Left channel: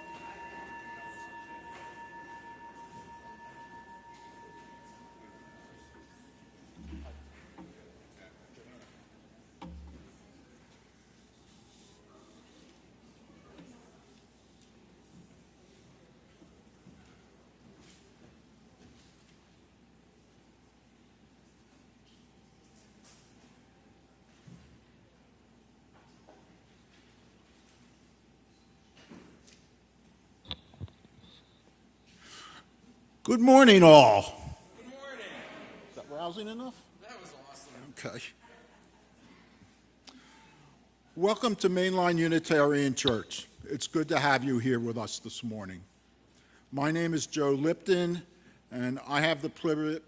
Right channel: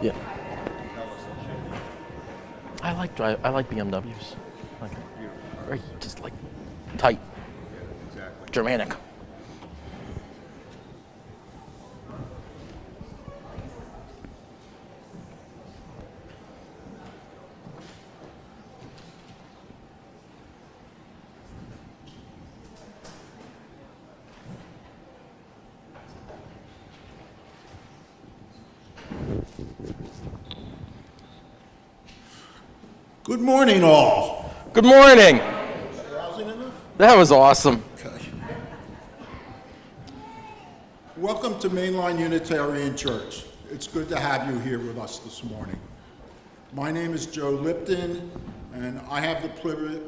Yeah. I like BMWs. Like, very just like tight, Germanic. Good morning, all. Good morning. Is that rousing enough? That was awesome. Okay. Welcome to Mainline Unitarian Church. It's good to have you here with us this morning. My name is Joe Lipton, and I have the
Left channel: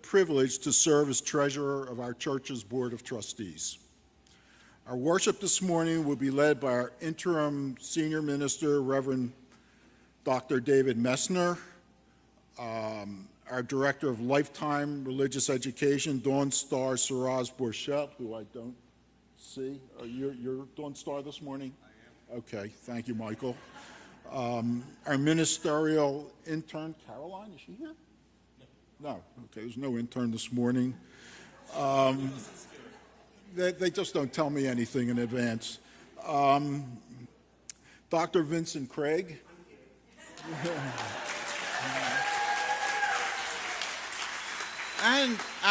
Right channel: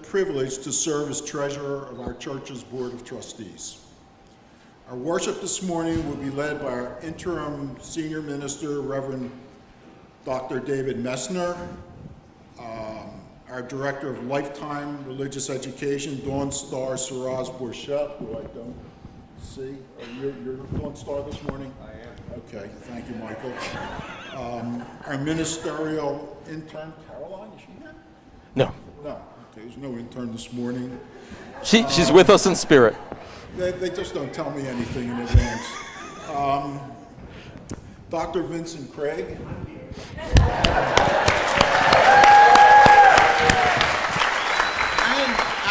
privilege to serve as treasurer of our church's Board of Trustees. Our worship this morning will be led by our interim senior minister, Reverend Dr. David Messner, our Director of Lifetime Religious Education, Dawn Star Siraz Borchett, who I don't see. You're Dawn Star this morning? I am. Okay, thank you, Michael. Our ministerial intern, Caroline, is she here? No, No, okay, there's no intern this morning. she's with us in spirit. They just don't tell me anything in advance. Dr. Vincent Craig.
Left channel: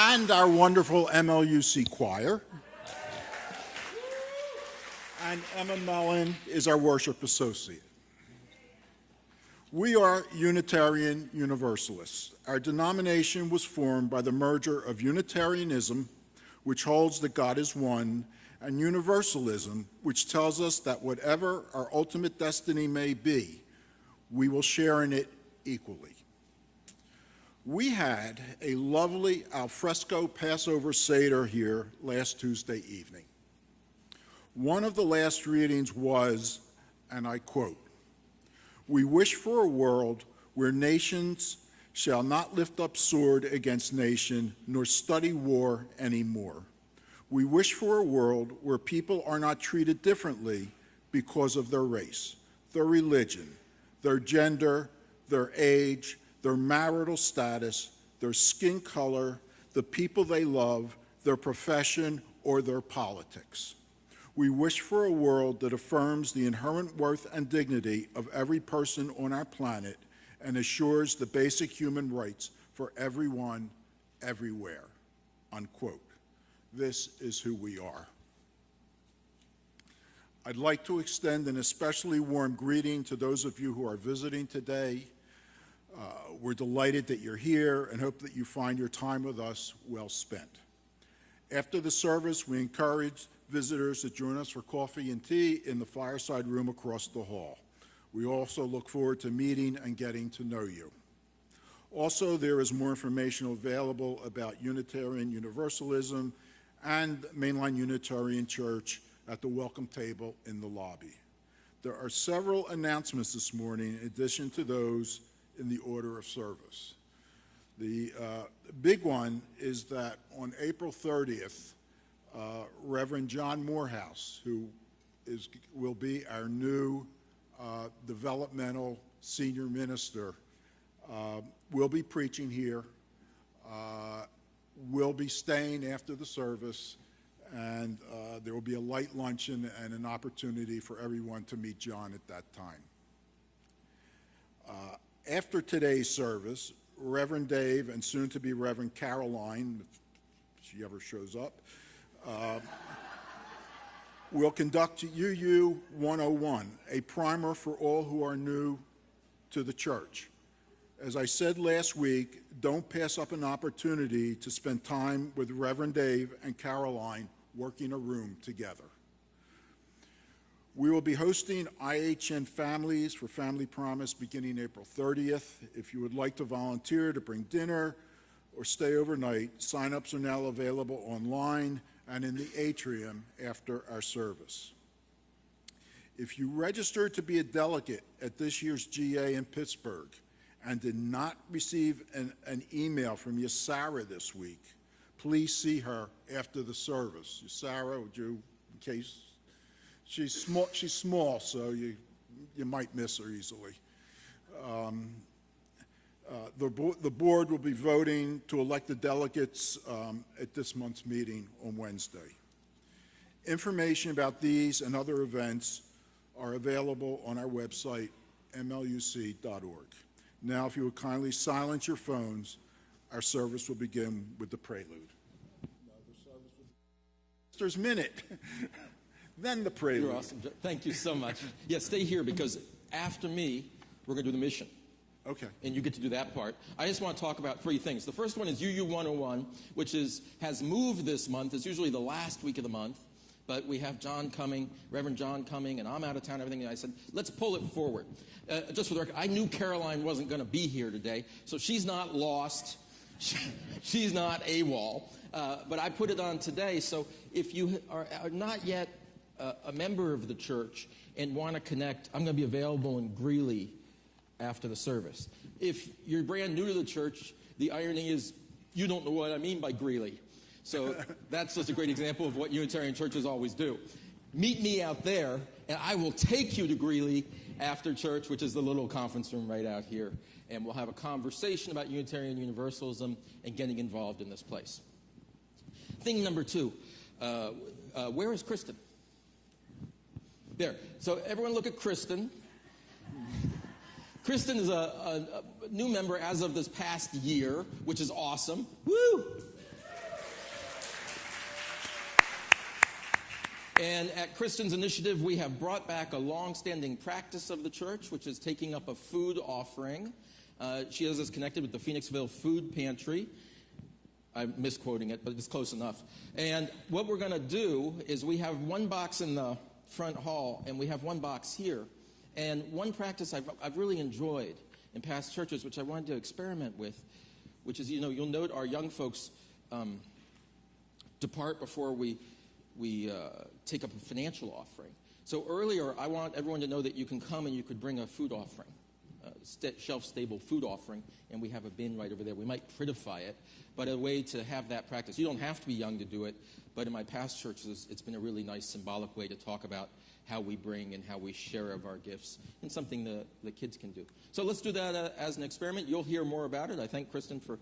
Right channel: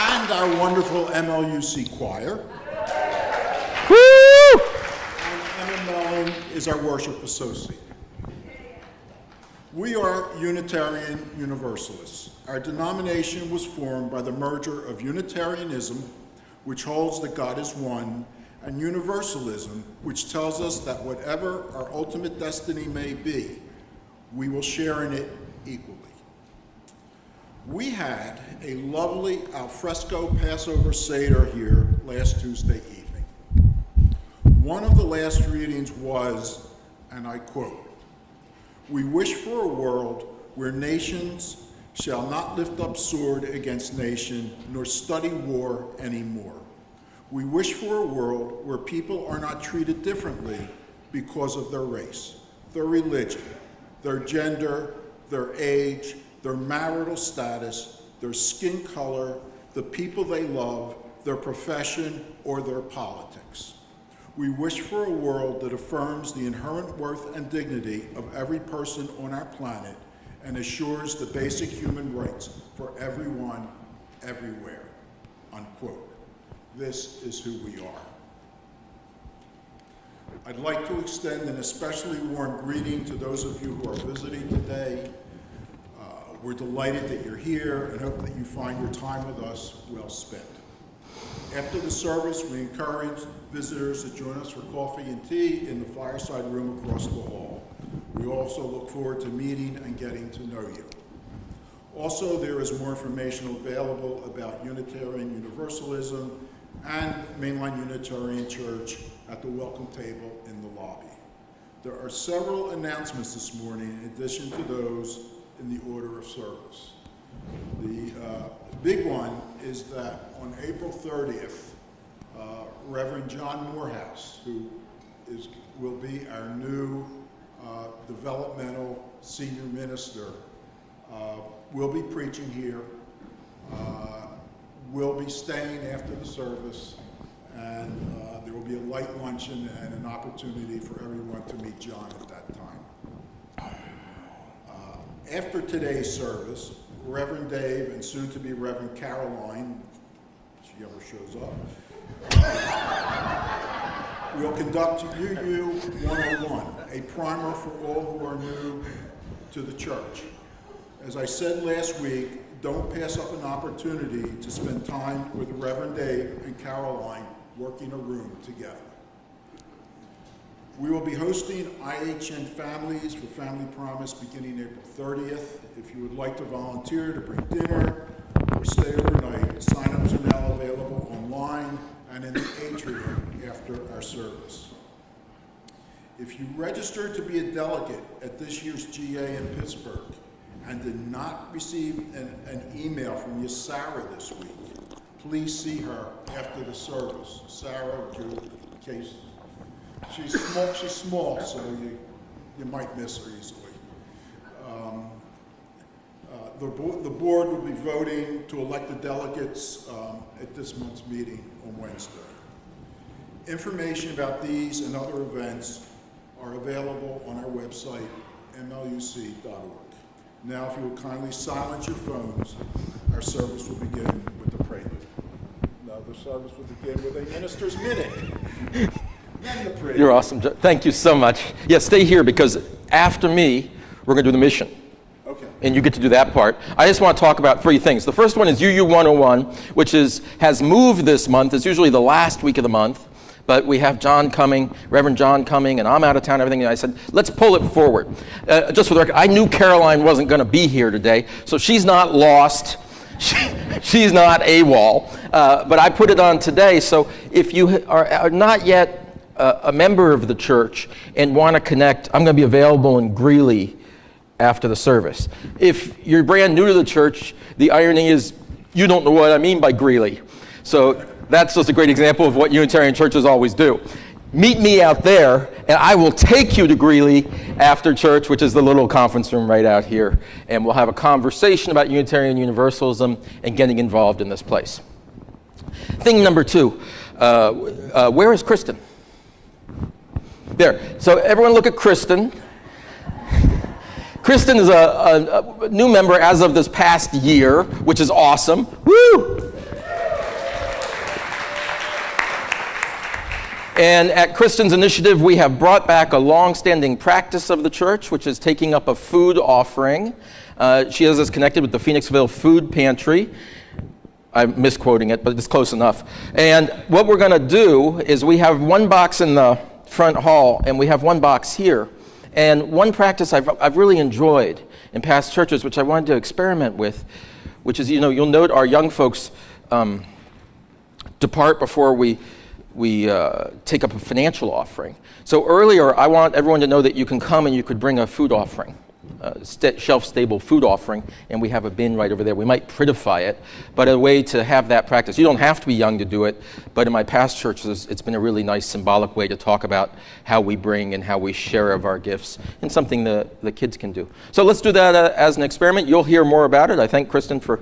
And our wonderful MLUC choir. Woo! And Emma Mellon is our worship associate. We are Unitarian Universalists. Our denomination was formed by the merger of Unitarianism, which holds that God is one, and Universalism, which tells us that whatever our ultimate destiny may be, we will share in it equally. We had a lovely alfresco Passover Seder here last Tuesday evening. One of the last readings was, and I quote, "We wish for a world where nations shall not lift up sword against nation, nor study war anymore. We wish for a world where people are not treated differently because of their race, their religion, their gender, their age, their marital status, their skin color, the people they love, their profession, or their politics. We wish for a world that affirms the inherent worth and dignity of every person on our planet and assures the basic human rights for everyone, everywhere," unquote. This is who we are. I'd like to extend an especially warm greeting to those of you who are visiting today. We're delighted that you're here and hope that you find your time with us well spent. After the service, we encourage visitors to join us for coffee and tea in the fireside room across the hall. We also look forward to meeting and getting to know you. Also, there is more information available about Unitarian Universalism and Mainline Unitarian Church at the welcome table in the lobby. There are several announcements this morning in addition to those in the order of service. The big one is that on April 30th, Reverend John Morehouse, who will be our new developmental senior minister, will be preaching here, will be staying after the service, and there will be a light luncheon and an opportunity for everyone to meet John at that time. After today's service, Reverend Dave and soon-to-be Reverend Caroline, if she ever shows up, will conduct UU 101, a primer for all who are new to the church. As I said last week, don't pass up an opportunity to spend time with Reverend Dave and Caroline working a room together. We will be hosting IHN Families for Family Promise beginning April 30th. If you would like to volunteer to bring dinner or stay overnight, sign-ups are now available online and in the atrium after our service. If you registered to be a delegate at this year's GA in Pittsburgh and did not receive an email from Miss Sarah this week, please see her after the service. Sarah, would you, in case, she's small, so you might miss her easily. The board will be voting to elect the delegates at this month's meeting on Wednesday. Information about these and other events are available on our website, mluc.org. Now, if you will kindly silence your phones, our service will begin with the prelude. Now, the service will begin with a minister's minute, then the prelude. You're awesome. Thank you so much. Yeah, stay here because after me, we're going to do the mission. Okay. And you get to do that part. I just want to talk about 3 things. The first one is UU 101, which has moved this month. It's usually the last week of the month. But we have John coming, Reverend John coming, and I'm out of town and everything. And I said, let's pull it forward. Just for the record, I knew Caroline wasn't going to be here today, so she's not lost. She's not AWOL. But I put it on today, so if you are not yet a member of the church and want to connect, I'm going to be available in Greeley after the service. If you're brand new to the church, the irony is you don't know what I mean by Greeley. So that's just a great example of what Unitarian churches always do. Meet me out there, and I will take you to Greeley after church, which is the little conference room right out here, and we'll have a conversation about Unitarian Universalism and getting involved in this place. Thing number 2, where is Kristen? There. So everyone look at Kristen. Kristen is a new member as of this past year, which is awesome. Woo! And at Kristen's initiative, we have brought back a long-standing practice of the church, which is taking up a food offering. She has us connected with the Phoenixville Food Pantry. I'm misquoting it, but it's close enough. And what we're going to do is we have one box in the front hall, and we have one box here. And one practice I've really enjoyed in past churches, which I wanted to experiment with, which is, you'll note our young folks depart before we take up a financial offering. So earlier, I want everyone to know that you can come and you could bring a food offering, shelf-stable food offering, and we have a bin right over there. We might prettify it, but a way to have that practice. You don't have to be young to do it, but in my past churches, it's been a really nice symbolic way to talk about how we bring and how we share of our gifts, and something the kids can do. So let's do that as an experiment. You'll hear more about it. I thank Kristen for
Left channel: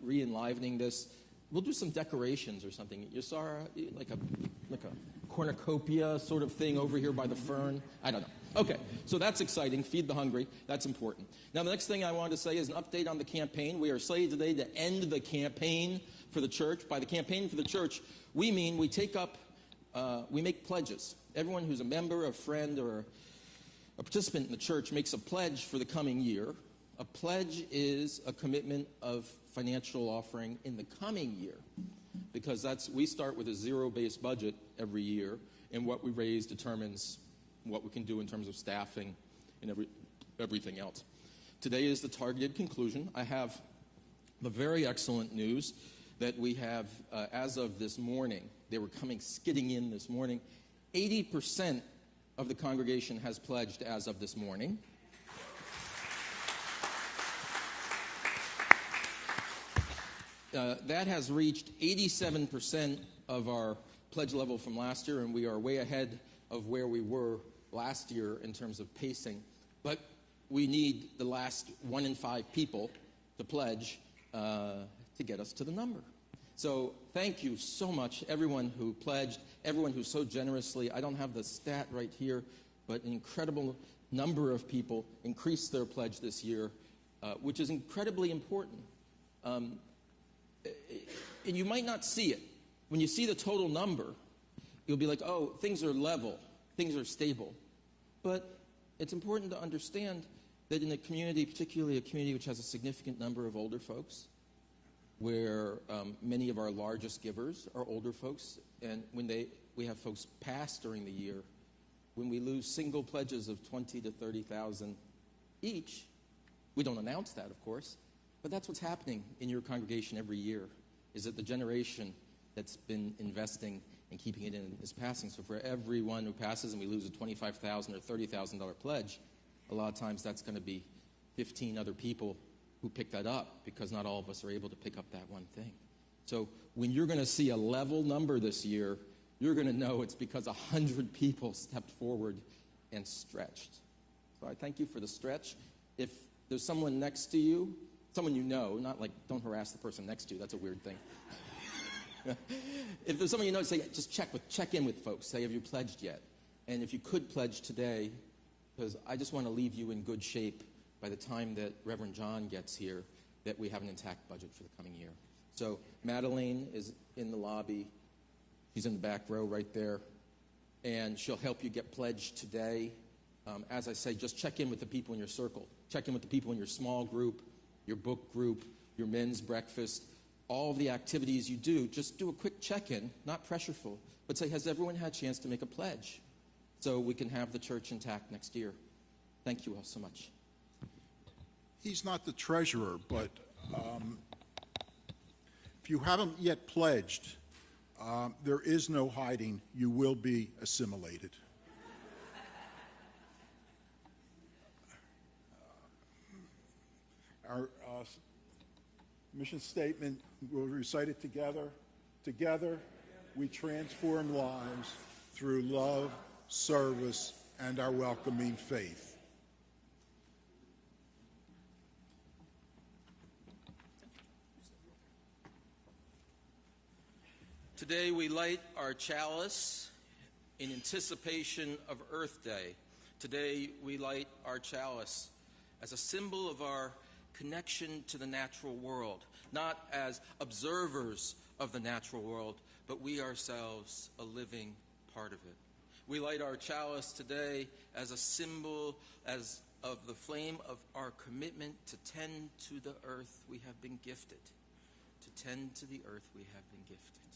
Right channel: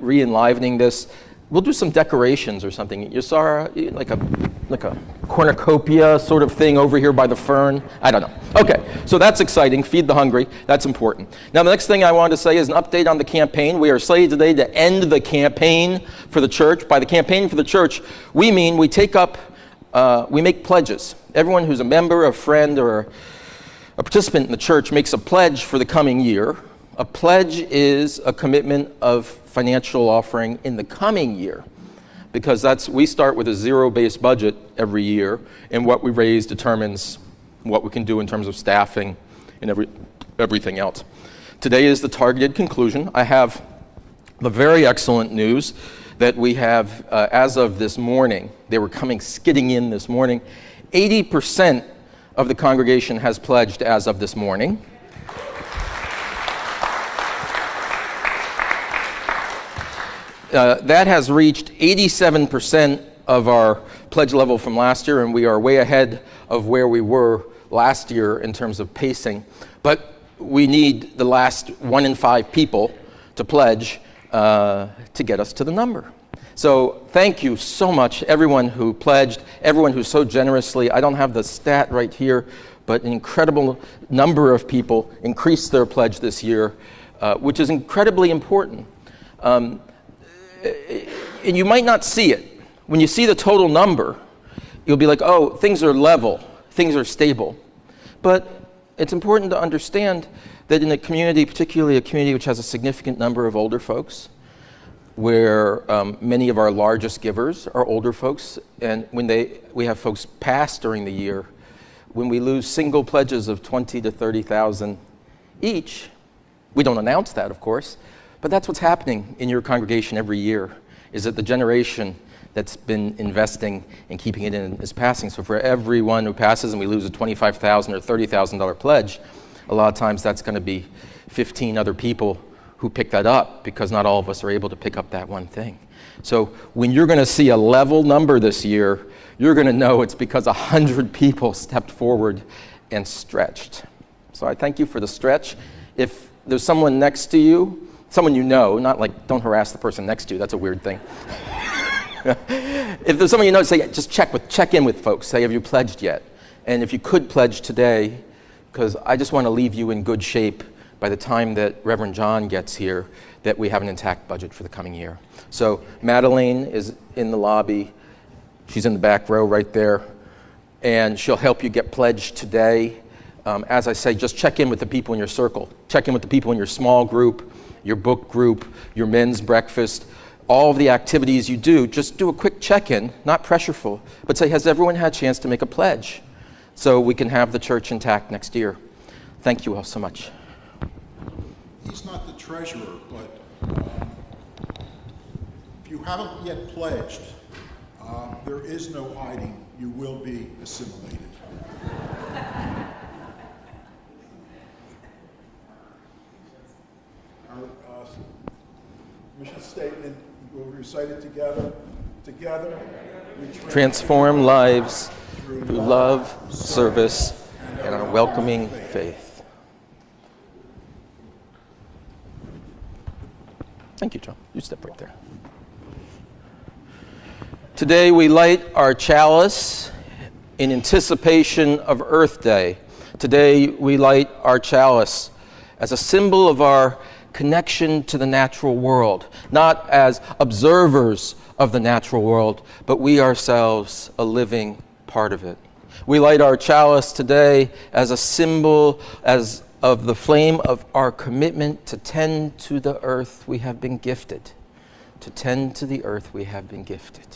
re-enlivening this. We'll do some decorations or something. You saw like a cornucopia sort of thing over here by the fern. I don't know. Okay, so that's exciting. Feed the hungry. That's important. Now, the next thing I wanted to say is an update on the campaign. We are slated today to end the campaign for the church. By the campaign for the church, we mean we make pledges. Everyone who's a member, a friend, or a participant in the church makes a pledge for the coming year. A pledge is a commitment of financial offering in the coming year, because we start with a zero-based budget every year, and what we raise determines what we can do in terms of staffing and everything else. Today is the targeted conclusion. I have the very excellent news that we have, as of this morning, they were coming skidding in this morning, 80% of the congregation has pledged as of this morning. That has reached 87% of our pledge level from last year, and we are way ahead of where we were last year in terms of pacing. But we need the last 1 in 5 people to pledge to get us to the number. So thank you so much, everyone who pledged, everyone who so generously, I don't have the stat right here, but an incredible number of people increased their pledge this year, which is incredibly important. And you might not see it. When you see the total number, you'll be like, oh, things are level, things are stable. But it's important to understand that in a community, particularly a community which has a significant number of older folks, where many of our largest givers are older folks, and when we have folks pass during the year, when we lose single pledges of 20 to 30,000 each, we don't announce that, of course, but that's what's happening in your congregation every year, is that the generation that's been investing and keeping it in is passing. So for everyone who passes and we lose a $25,000 or $30,000 pledge, a lot of times that's going to be 15 other people who pick that up, because not all of us are able to pick up that one thing. So when you're going to see a level number this year, you're going to know it's because 100 people stepped forward and stretched. So I thank you for the stretch, If there's someone next to you, someone you know, not like don't harass the person next to you, that's a weird thing. If there's someone you know, say, just check in with folks. Say, have you pledged yet? And if you could pledge today, because I just want to leave you in good shape by the time that Reverend John gets here, that we have an intact budget for the coming year. So Madeline is in the lobby. She's in the back row right there. And she'll help you get pledged today. As I say, just check in with the people in your circle. Check in with the people in your small group, your book group, your men's breakfast. All of the activities you do, just do a quick check-in, not pressureful, but say, has everyone had a chance to make a pledge? So we can have the church intact next year. Thank you all so much. He's not the treasurer, but if you haven't yet pledged, there is no hiding. You will be assimilated. Our mission statement, we'll recite it together. Together, we transform lives through love, service, and our welcoming faith. Thank you, John. You step right there. Today we light our chalice in anticipation of Earth Day. Today we light our chalice as a symbol of our connection to the natural world, not as observers of the natural world, but we ourselves a living part of it. We light our chalice today as a symbol of the flame of our commitment to tend to the earth we have been gifted. To tend to the earth we have been gifted.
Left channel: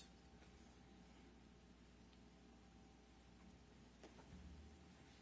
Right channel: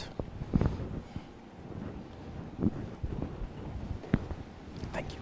Thank you.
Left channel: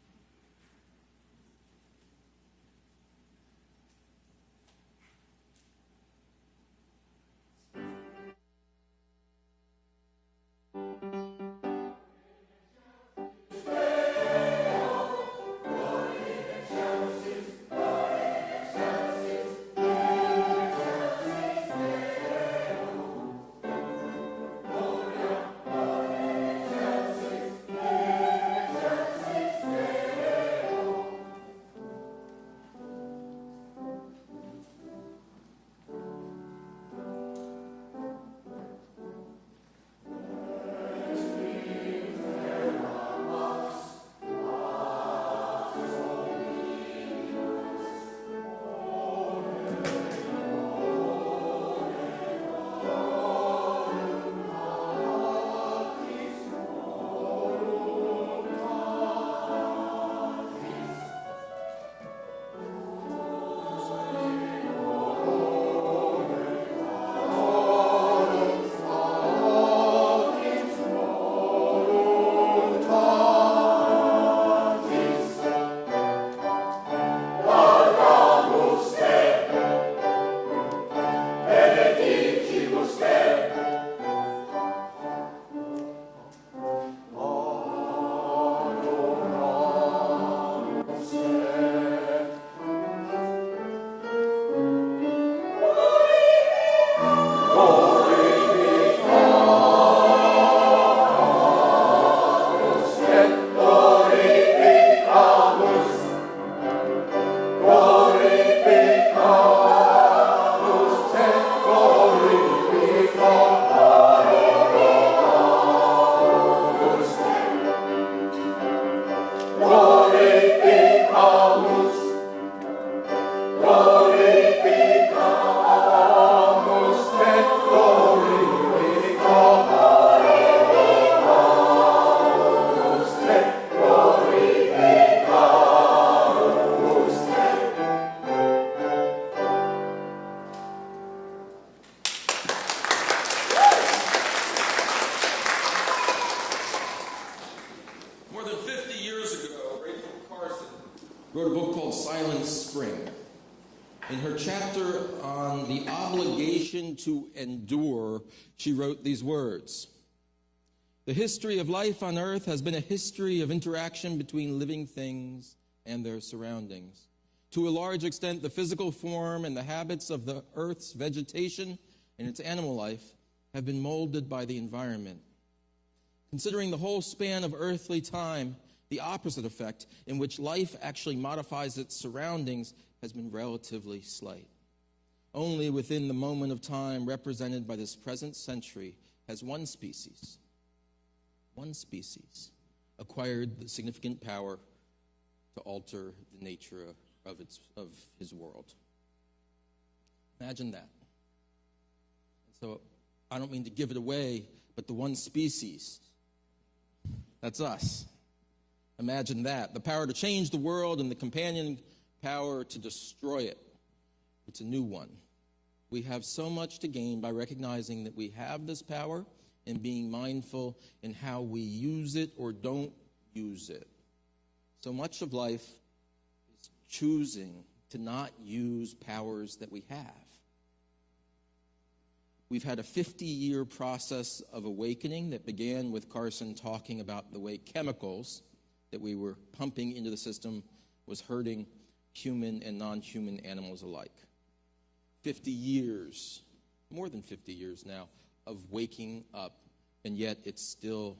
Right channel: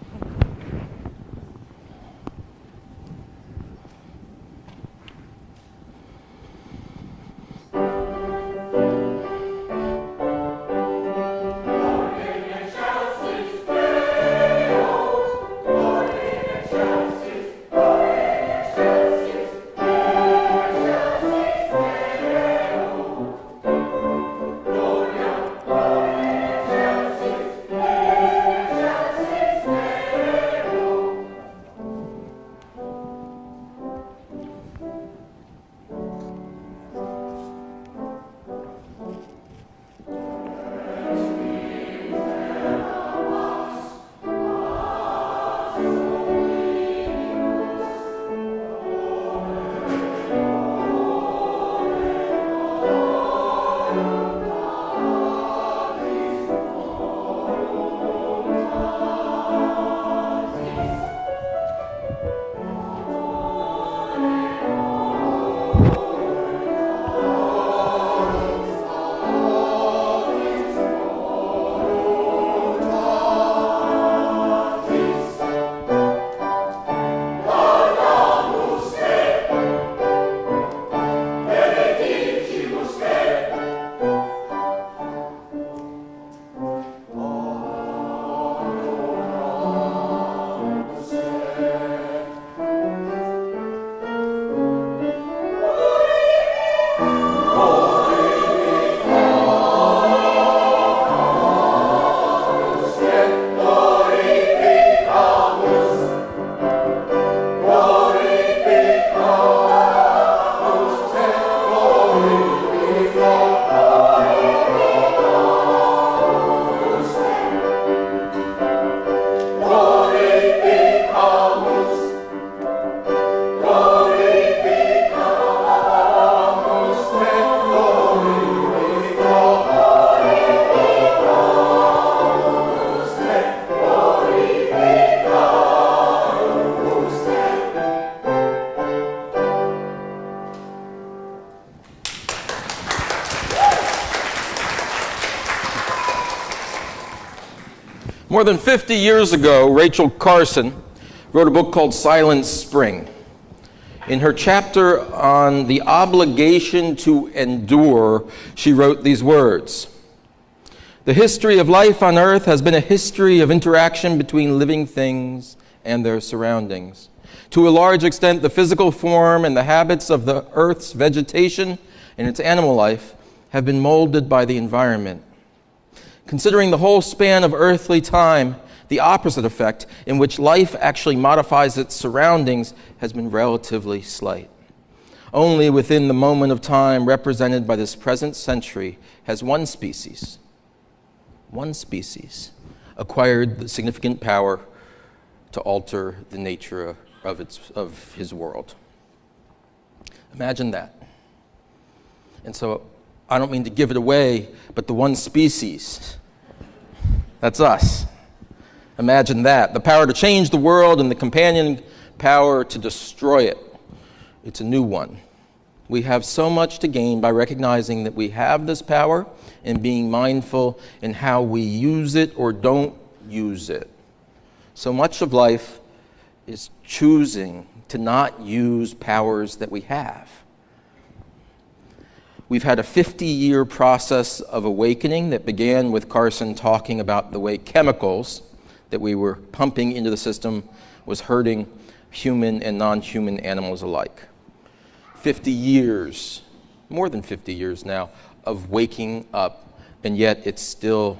More than 50 years ago, Rachel Carson wrote a book called Silent Spring. In her chapter on the obligation to endure, she wrote these words: "The history of life on earth has been a history of interaction between living things and their surroundings. To a large extent, the physical form and the habits of the earth's vegetation and its animal life have been molded by the environment. Considering the whole span of earthly time, The opposite effect, in which life actually modifies its surroundings, has been relatively slight. Only within the moment of time represented by this present century has one species, acquired the significant power to alter the nature of his world. Imagine that. And so I don't mean to give it away, but the one species, that's us. Imagine that. The power to change the world and the companion power to destroy it. It's a new one. We have so much to gain by recognizing that we have this power and being mindful in how we use it or don't use it. So much of life is choosing to not use powers that we have. We've had a 50-year process of awakening that began with Carson talking about the way chemicals that we were pumping into the system was hurting human and non-human animals alike. 50 years, more than 50 years now, of waking up, and yet it still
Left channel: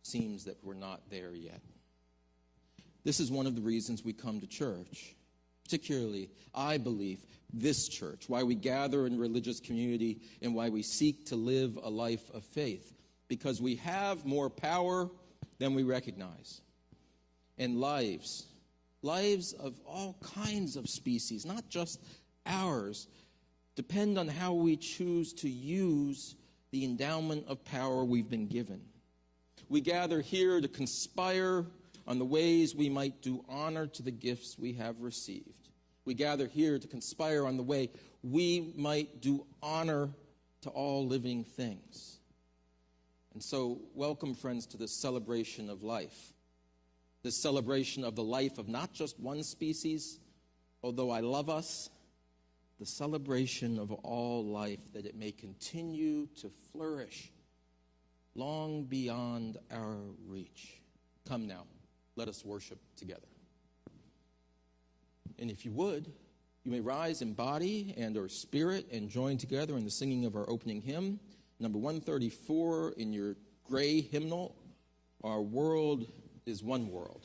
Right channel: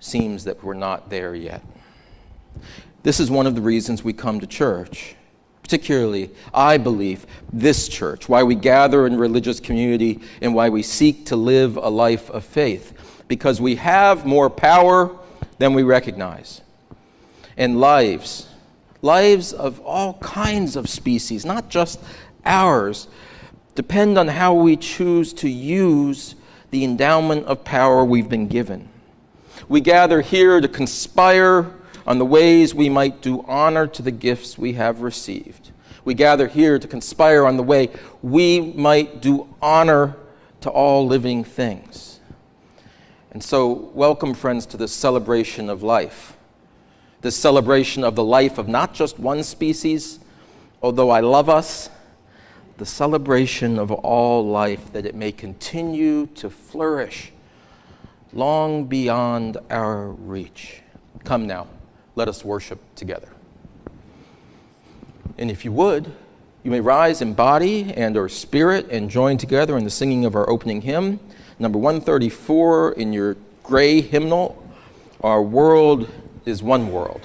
seems that we're not there yet. This is one of the reasons we come to church, particularly, I believe, this church, why we gather in religious community and why we seek to live a life of faith, because we have more power than we recognize. And lives of all kinds of species, not just ours, depend on how we choose to use the endowment of power we've been given. We gather here to conspire on the ways we might do honor to the gifts we have received. We gather here to conspire on the way we might do honor to all living things. And so, welcome, friends, to this celebration of life. This celebration of the life of not just one species, although I love us, the celebration of all life, that it may continue to flourish long beyond our reach. Come now, let us worship together. And if you would, you may rise in body and or spirit and join together in the singing of our opening hymn, number 134 in your gray hymnal, Our World is One World.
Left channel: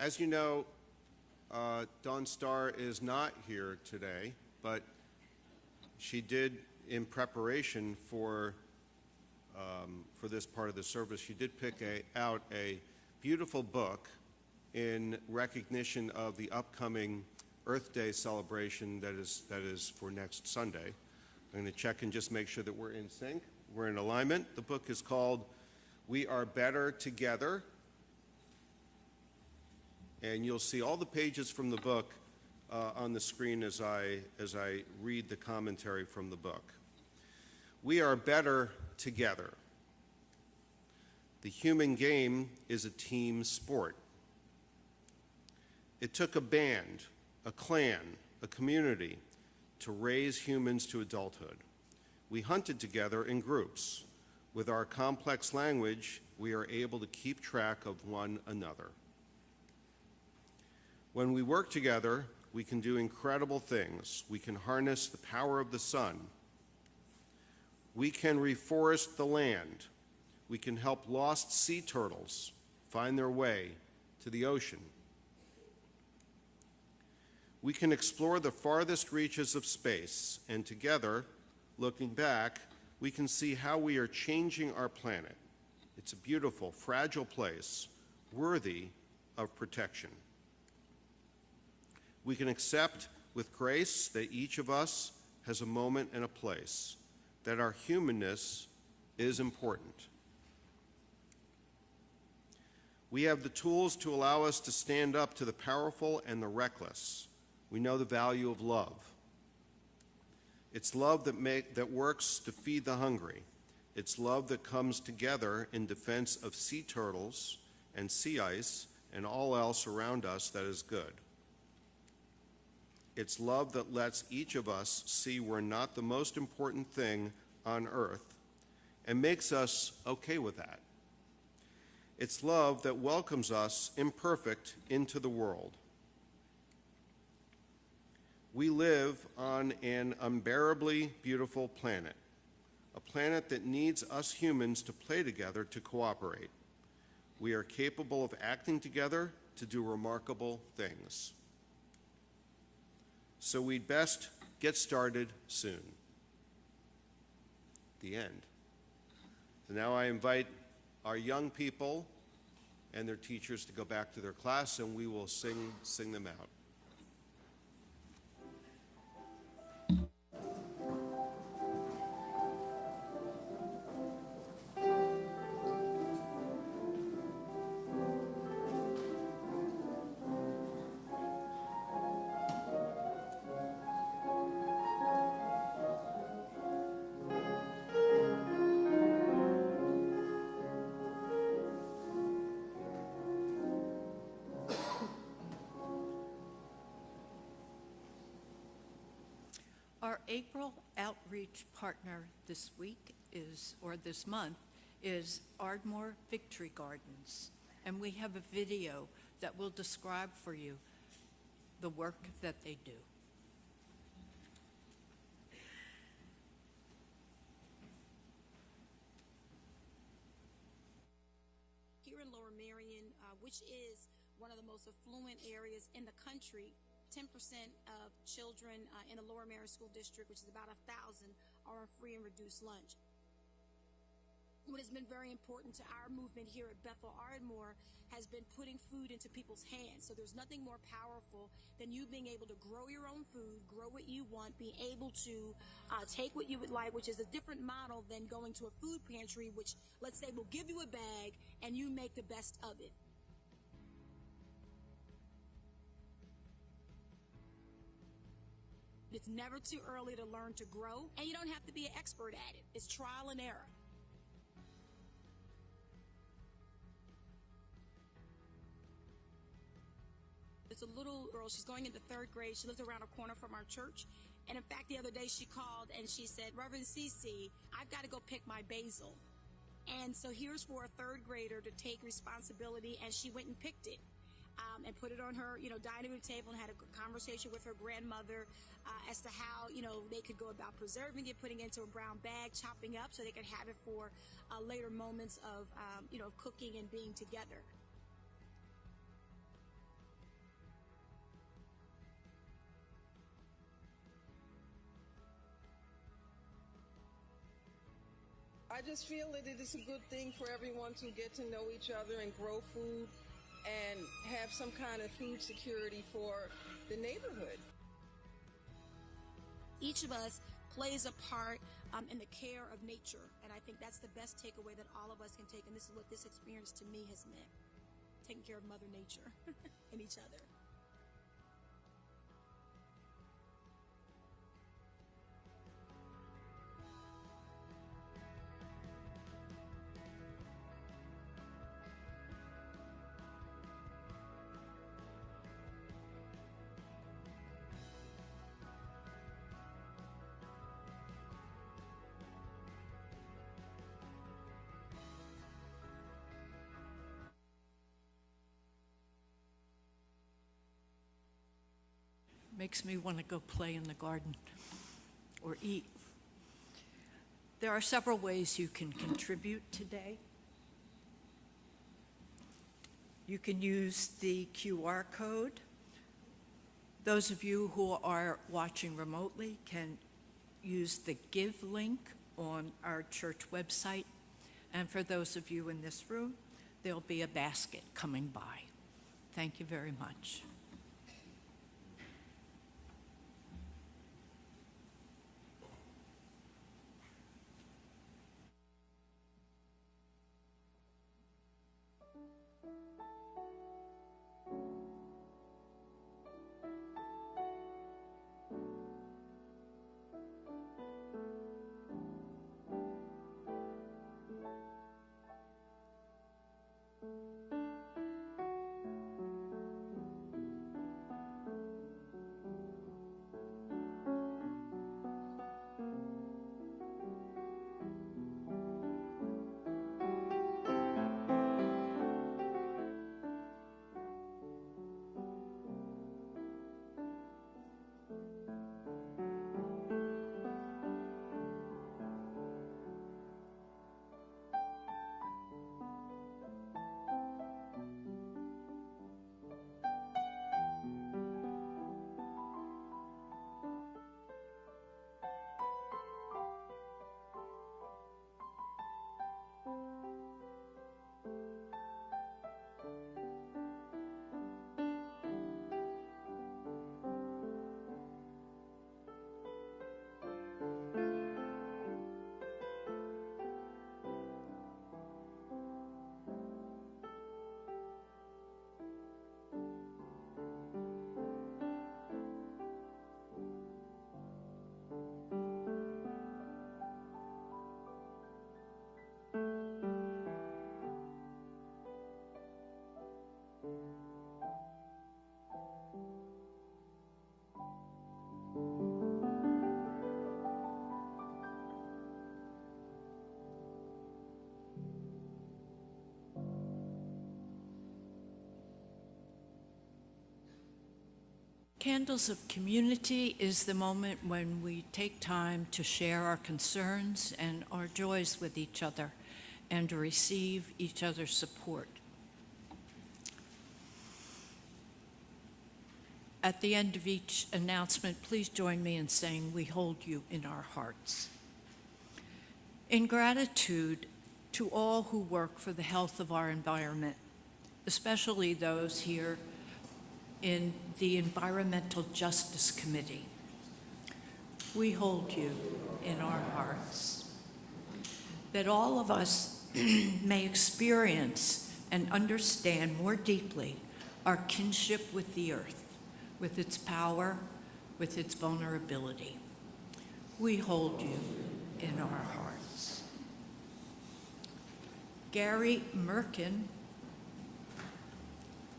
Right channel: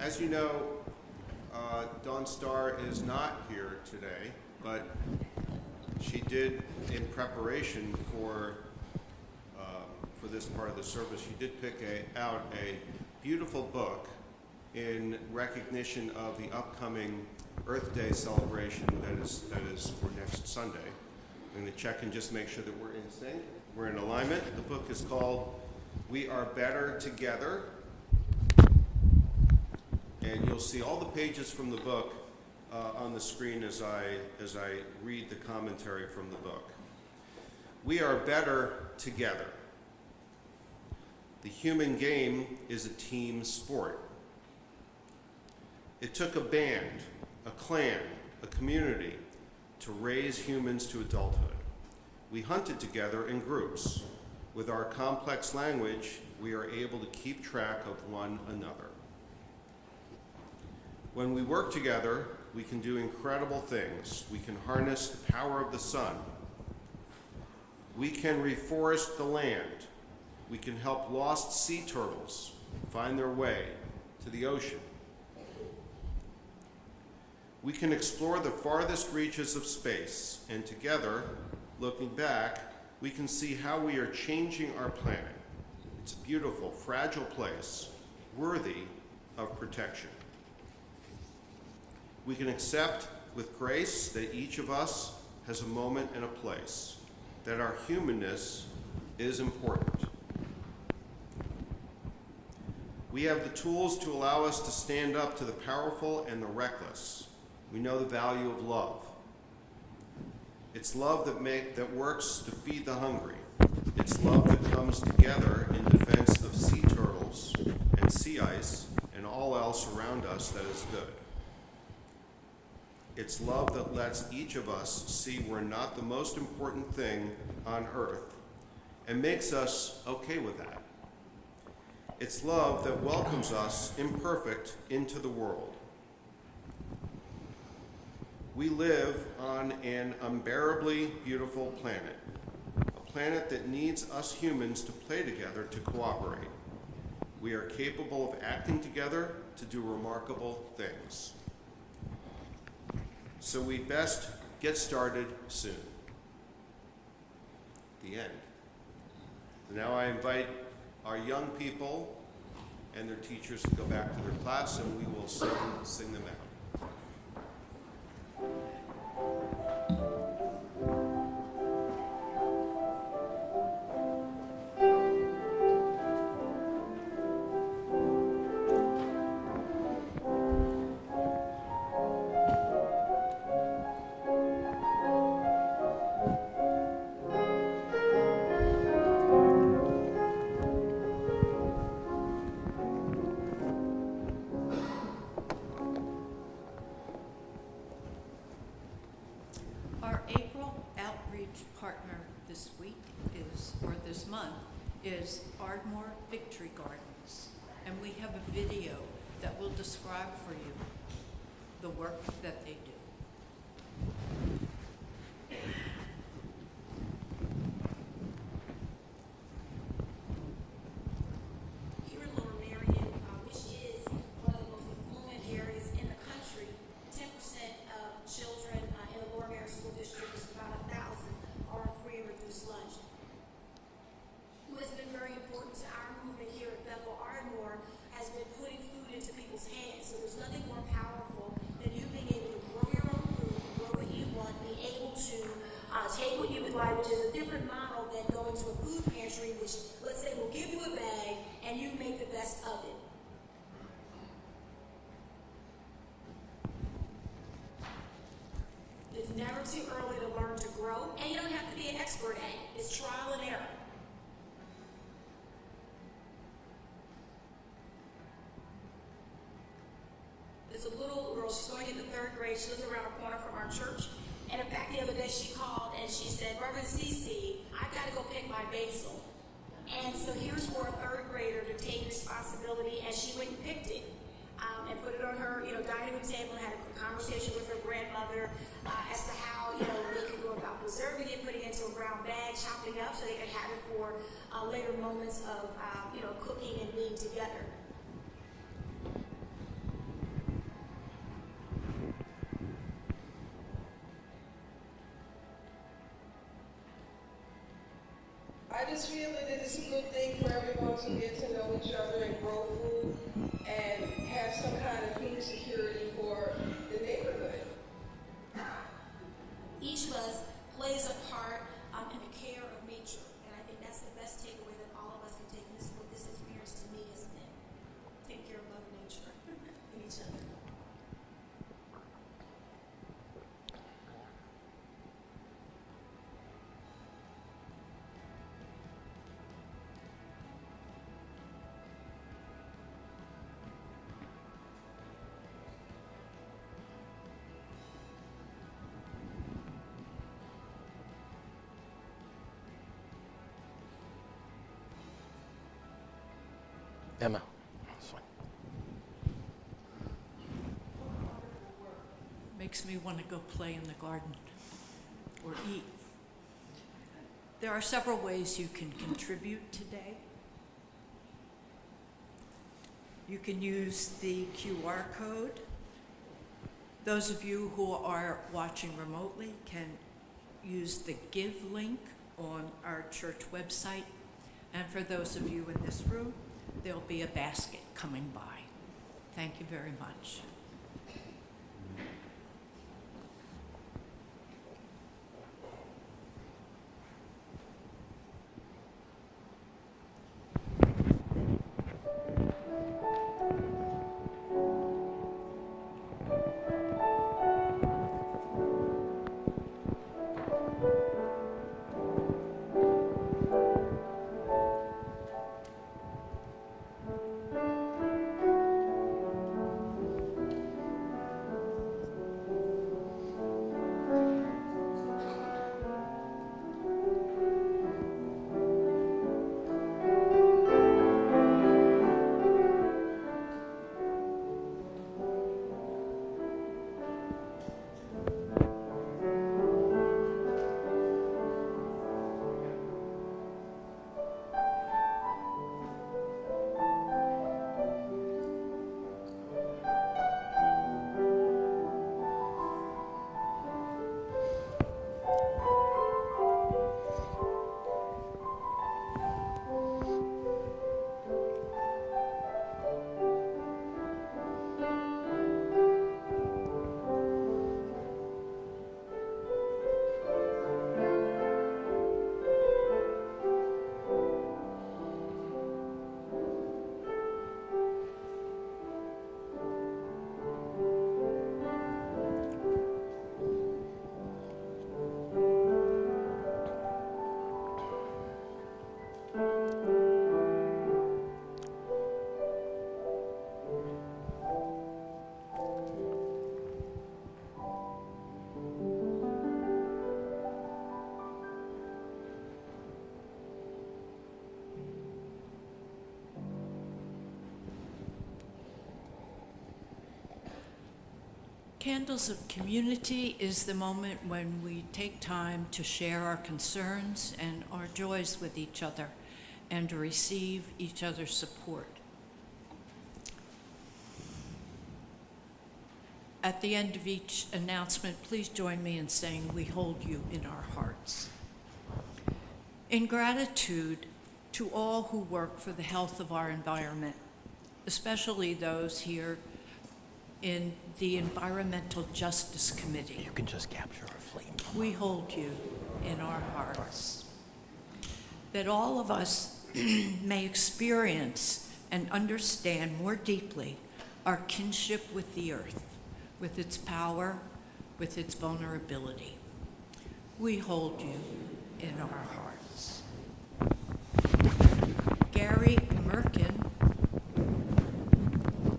As you know, Dawn Starr is not here today, but she did, in preparation for this part of the service, she did pick out a beautiful book in recognition of the upcoming Earth Day celebration that is for next Sunday. I'm going to check and just make sure that we're in sync. We're in alignment. The book is called We Are Better Together. And you'll see all the pages from the book on the screen as I read the commentary from the book. We are better together. The human game is a team sport. It took a band, a clan, a community to raise humans to adulthood. We hunted together in groups. With our complex language, we are able to keep track of one another. When we work together, we can do incredible things. We can harness the power of the sun. We can reforest the land. We can help lost sea turtles find their way to the ocean. We can explore the farthest reaches of space, and together, looking back, we can see how we are changing our planet. It's a beautiful, fragile place, worthy of protection. We can accept with grace that each of us has a moment and a place, that our humanness is important. We have the tools to allow us to stand up to the powerful and the reckless. We know the value of love. It's love that works to feed the hungry. It's love that comes together in defense of sea turtles and sea ice and all else around us that is good. It's love that lets each of us see we're not the most important thing on earth and makes us okay with that. It's love that welcomes us imperfect into the world. We live on an unbearably beautiful planet, a planet that needs us humans to play together to cooperate. We are capable of acting together to do remarkable things. So we'd best get started soon. The end. Now I invite our young people and their teachers to go back to their class, and we will sing them out. Our April outreach partner this week this month is Ardmore Victory Gardens. And we have a video that will describe for you the work that they do. Here in Lower Marion, which is one of the most affluent areas in the country, 10% of children in the Lower Marion School District, which is about 1,000, are on free and reduced lunch. What has been very important to our movement here at Bethel Ardmore has been putting food into people's hands. So there's nothing more powerful than you being able to grow your own food, grow what you want, be able to take what you would like, which is a different model than going to a food pantry, which, let's say, will give you a bag and you make the best of it. It's never too early to learn to grow, and you don't have to be an expert at it. It's trial and error. There's a little girl, she's going into 3rd grade, she lives around the corner from our church, and in fact the other day she called and she said, Reverend Cece, I gotta go pick my basil. And so here's for a 3rd grader to take responsibility, and she went and picked it. And put it on her, dining room table, and had a conversation with her grandmother as to how, they could go about preserving it, putting it into a brown bag, chopping up so they could have it for later moments of, cooking and being together. I just feel that it's a good thing for everyone to get to know each other and grow food and have some kind of food security for the neighborhood. Each of us plays a part in the care of nature. And I think that's the best takeaway that all of us can take. And this is what this experience to me has meant. Taking care of Mother Nature and each other. Emma. Makes me want to go play in the garden or eat. There are several ways you can contribute today. You can use the QR code. Those of you who are watching remotely can use the Give link on our church website. And for those of you in this room, there'll be a basket coming by. Thank you very much. Candles of Community is the moment when we take time to share our concerns and our joys with each other and to receive each other's support. At the end of each announcement, please join me in saying we hold you in our hearts. In gratitude to all who work for the health of our environment, especially those here in the Environmental Justice Committee. You can just capture our flame. We hold you in our hearts. That all of us may experience and understand more deeply our kinship with the earth, with its power, with its vulnerability. We hold you in our hearts. Gary Merkin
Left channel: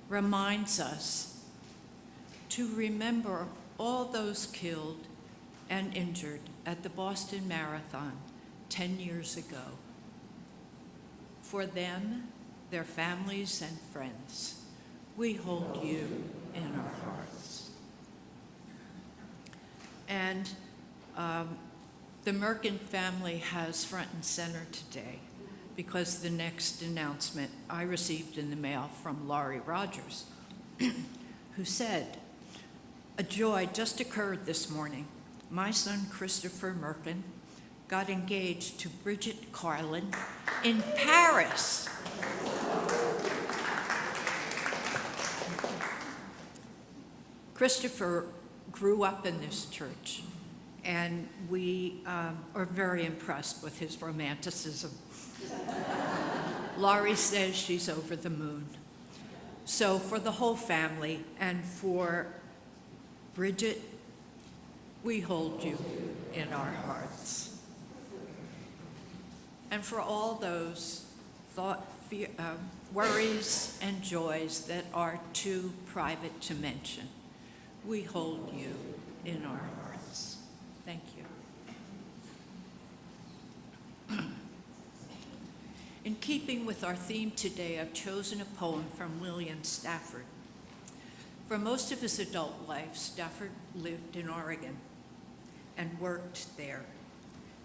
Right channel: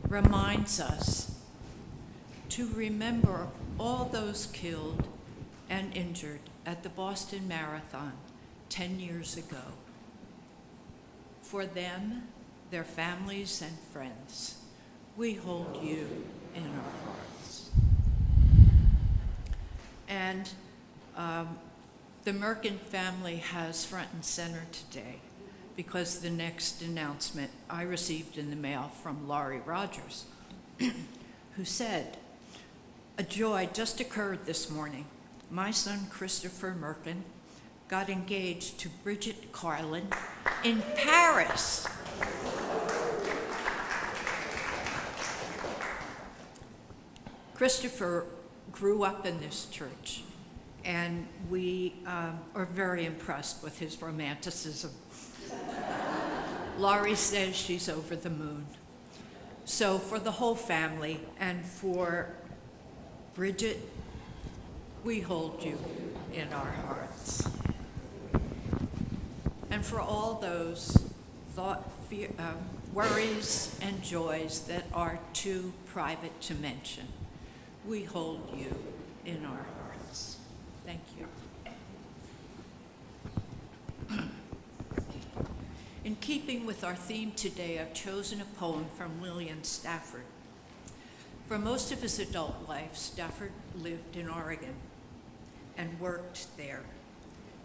reminds us to remember all those killed and injured at the Boston Marathon 10 years ago. For them, their families and friends, we hold you in our hearts. And the Merkin family has front and center today because the next announcement I received in the mail from Laurie Rogers, who said, "A joy just occurred this morning. My son, Christopher Merkin, got engaged to Bridget Carlin in Paris." Christopher grew up in this church. and we are very impressed with his romanticism. Laurie says she's over the moon. So for the whole family and for Bridget, we hold you in our hearts. And for all those worries and joys that are too private to mention, we hold you in our hearts. Thank you. In keeping with our theme today, I've chosen a poem from William Stafford. For most of his adult life, Stafford lived in Oregon and worked there.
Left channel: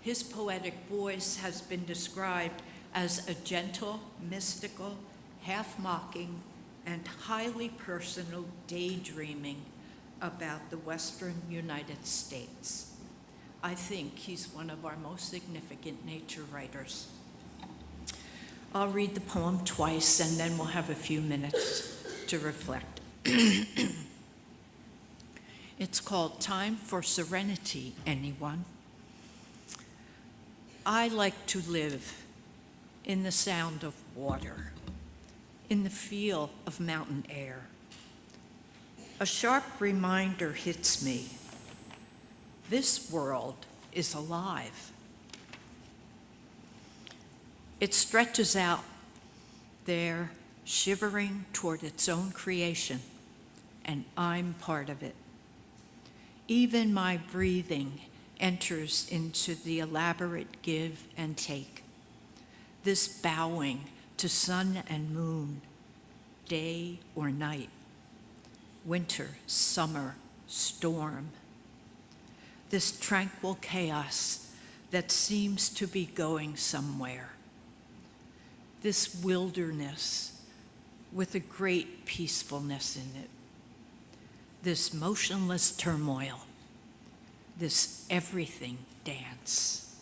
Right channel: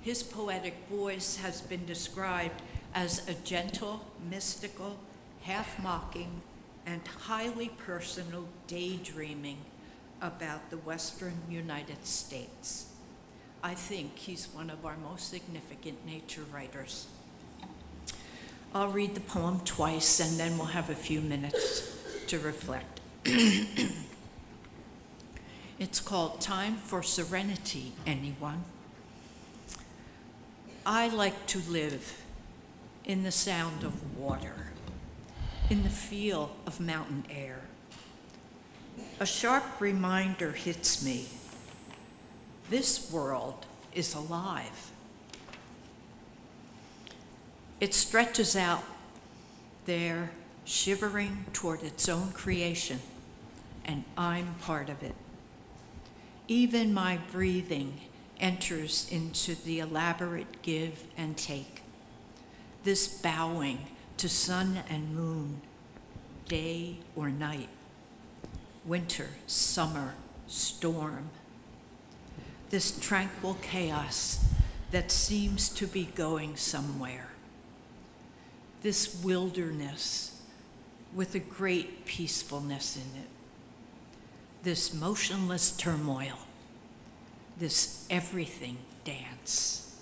His poetic voice has been described as a gentle, mystical, half-mocking, and highly personal daydreaming about the Western United States. I think he's one of our most significant nature writers. I'll read the poem twice, and then we'll have a few minutes to reflect. It's called Time for Serenity, Anyone? I like to live in the sound of water, in the feel of mountain air. A sharp reminder hits me. This world is alive. It stretches out there, shivering toward its own creation, and I'm part of it. Even my breathing enters into the elaborate give and take, this bowing to sun and moon, day or night, winter, summer, storm, this tranquil chaos that seems to be going somewhere, this wilderness with a great peacefulness in it, this motionless turmoil, this everything dance.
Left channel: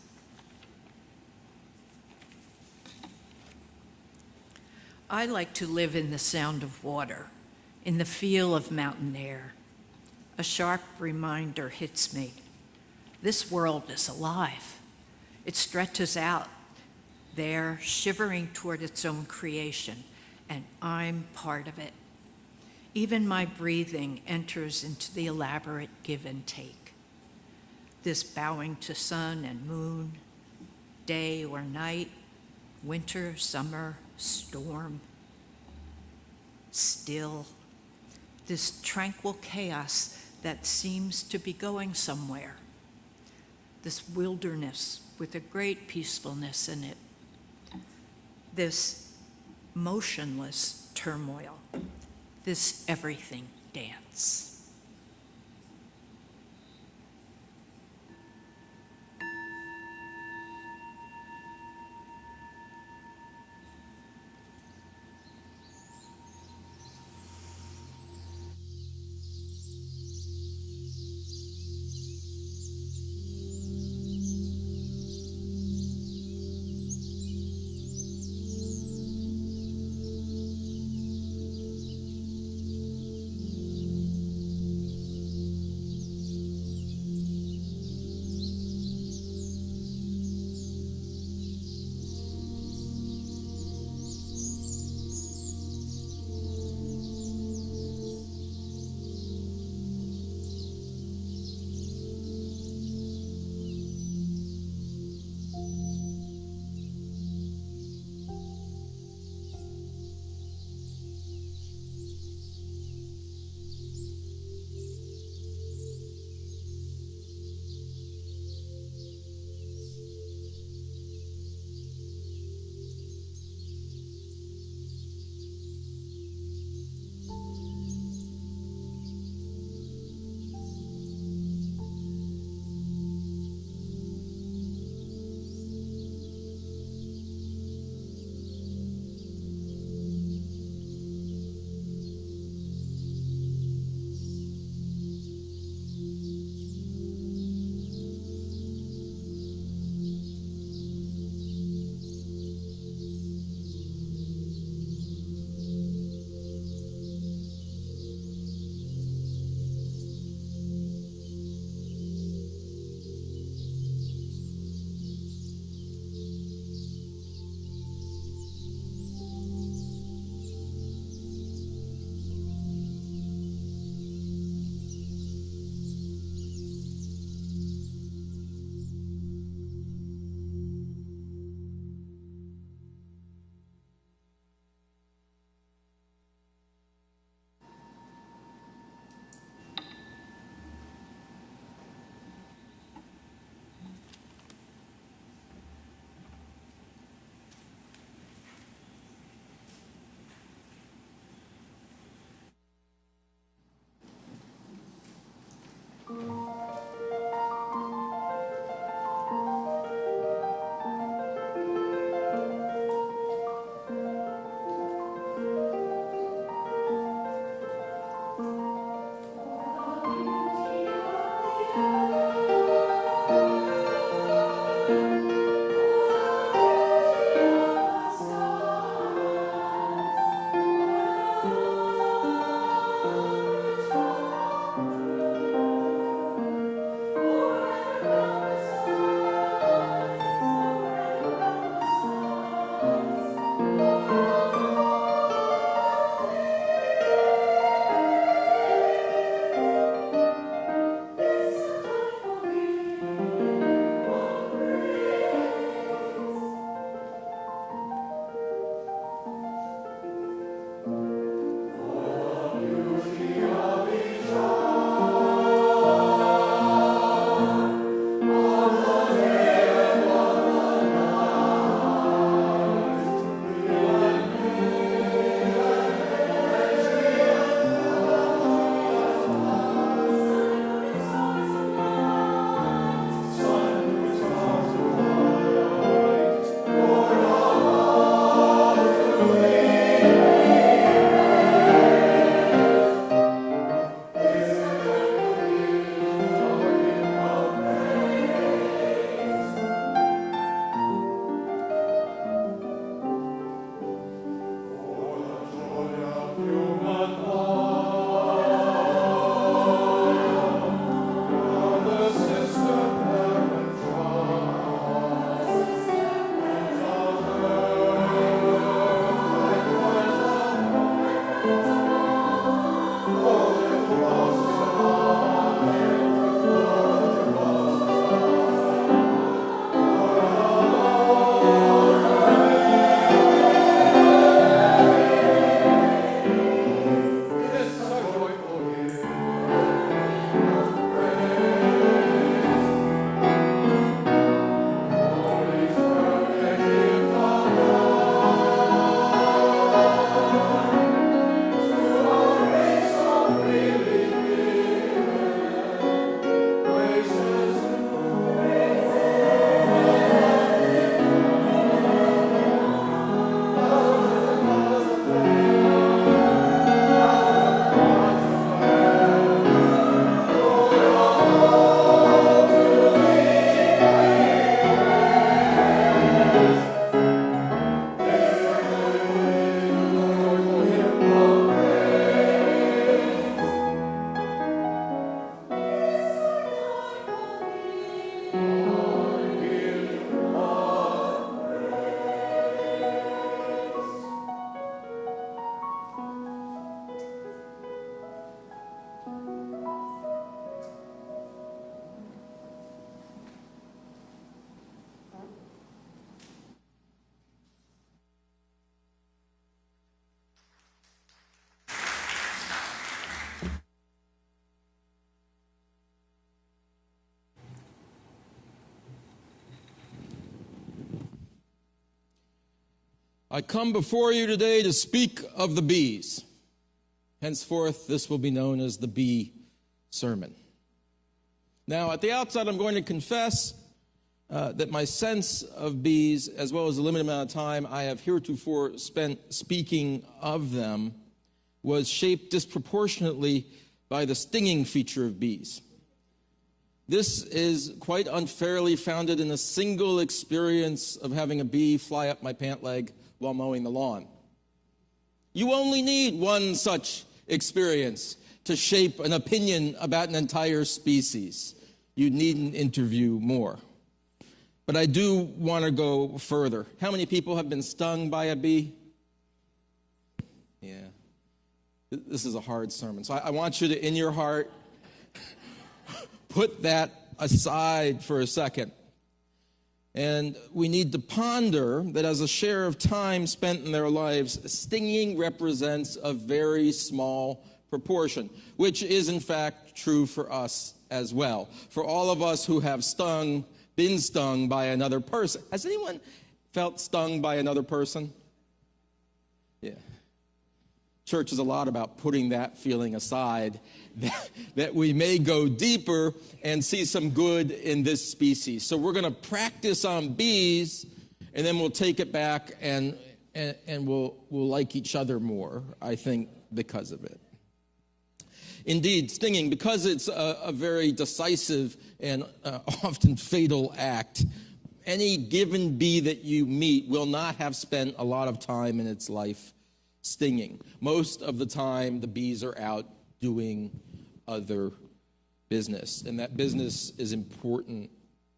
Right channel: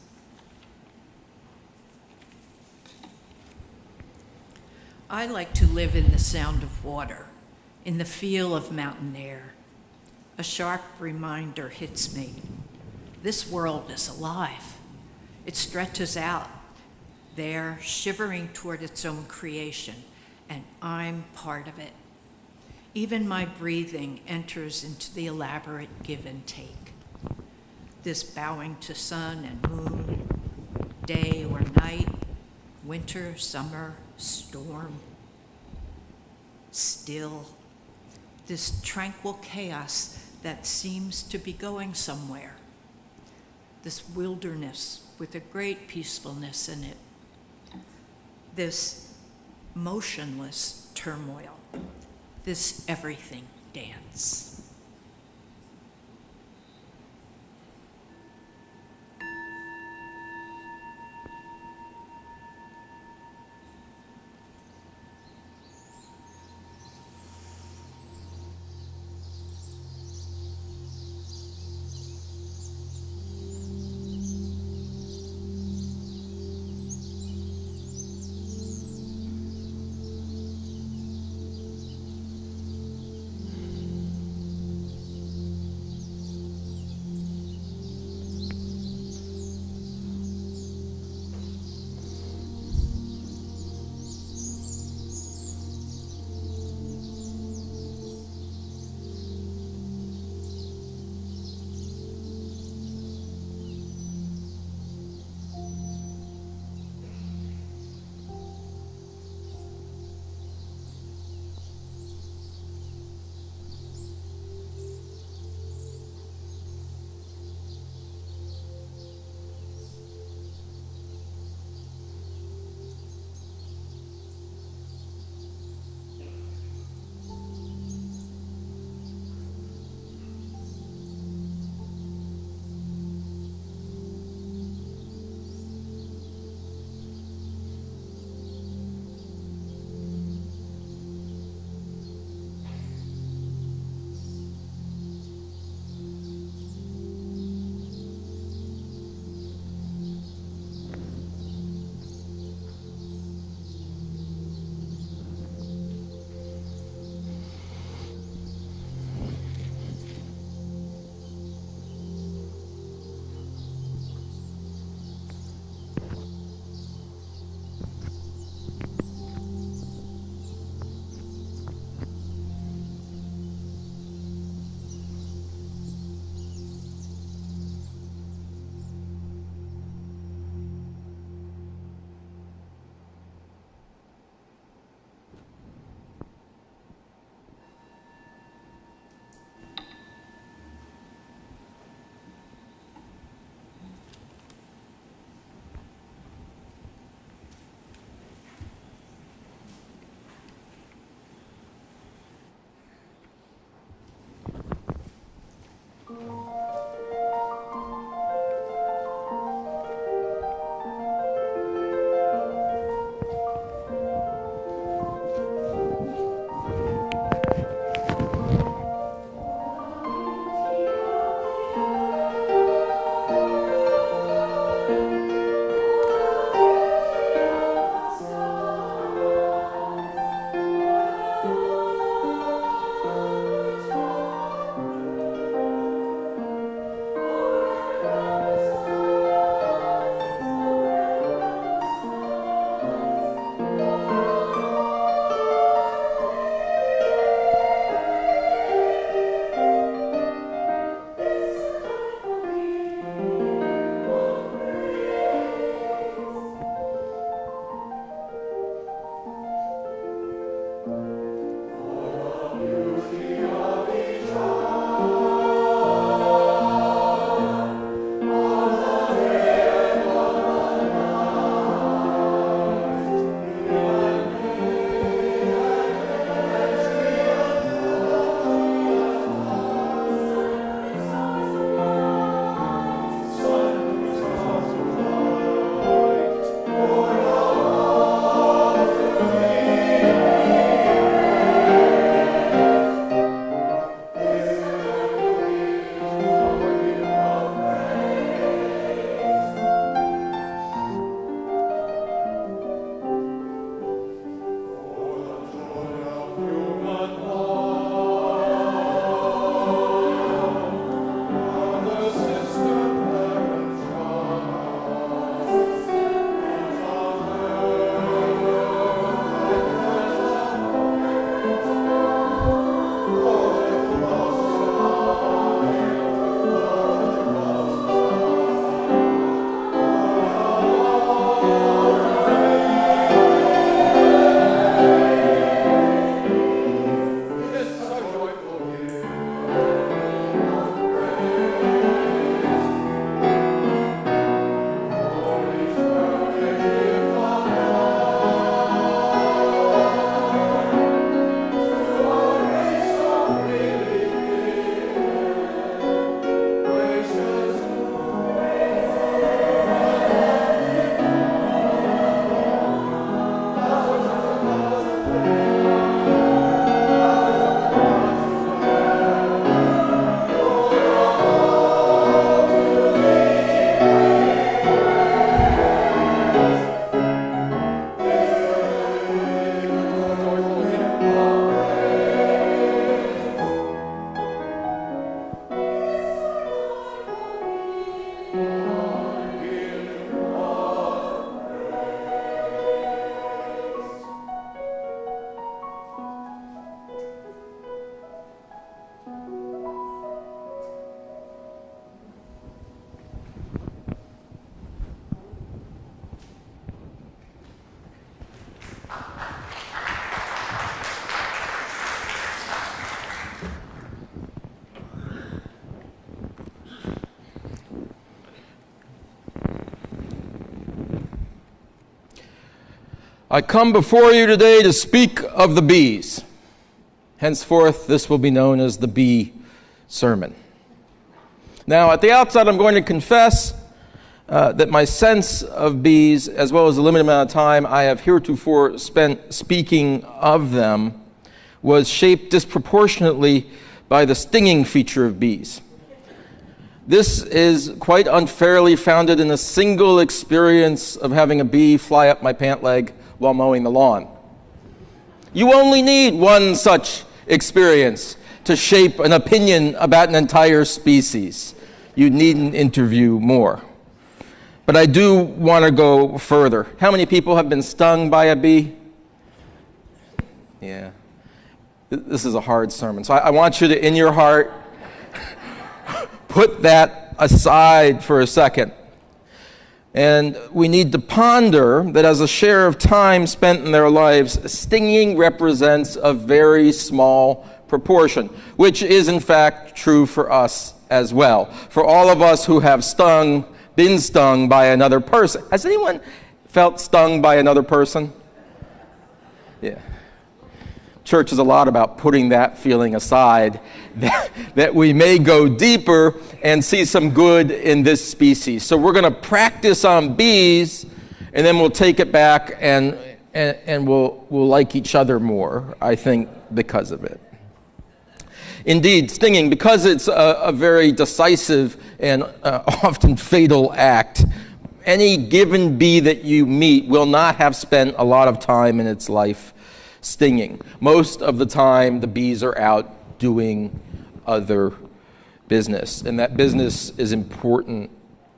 I like to live in the sound of water, in the feel of mountain air. A sharp reminder hits me. This world is alive. It stretches out there, shivering toward its own creation, and I'm part of it. Even my breathing enters into the elaborate give and take. This bowing to sun and moon, day or night, winter, summer, storm, still. This tranquil chaos that seems to be going somewhere. This wilderness with a great peacefulness in it. This motionless turmoil. This everything dance. I come before you today to speak of the bees. Henceforth, this will be known as the bee sermon. Now, at the outset, I'm going to confess that my sense of bees, as well as the limited amount of time I have heretofore spent speaking of them, was shaped disproportionately by the stinging feature of bees. This is quite unfairly founded in a single experience of having a bee fly up my pant leg while mowing the lawn. You only need one such experience to shape an opinion about an entire species. You needn't interview more. But I do want to go further. How many people have been stung by a bee? Yeah. This is a hard sermon. So I want you to, in your heart, put that aside for a second. And we need to ponder that as a share of time spent in their lives, stinging represents a very small proportion, which is in fact true for us as well. For all of us who have been stung by another person. Has anyone felt stung by another person? Yeah. Church is a lot about putting that feeling aside, that we may go deeper and see some good in this species. So we're going to practice on bees, and then we'll take it back and we'll like each other more, I think, because of it. Indeed, stinging, because it's a very decisive and often fatal act, any given bee that you meet will not have spent a lot of time in its life stinging. Most of the time, the bees are out doing other business, and that business is important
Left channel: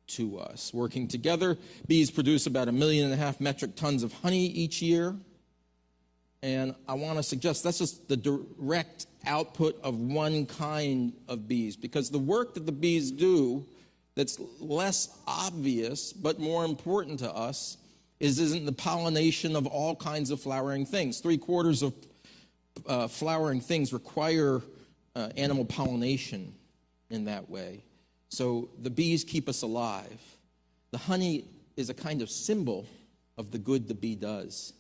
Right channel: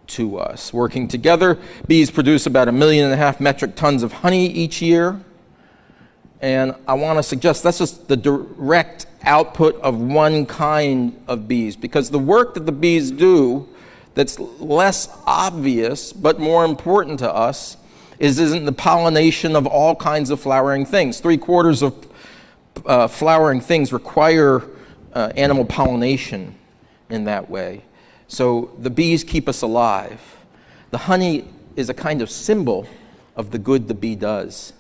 to us. Working together, bees produce about 1.5 million metric tons of honey each year, and I want to suggest that's just the direct output of one kind of bees, because the work that the bees do that's less obvious but more important to us isn't the pollination of all kinds of flowering things. 3/4 of flowering things require animal pollination in that way. So the bees keep us alive. The honey is a kind of symbol of the good the bee does,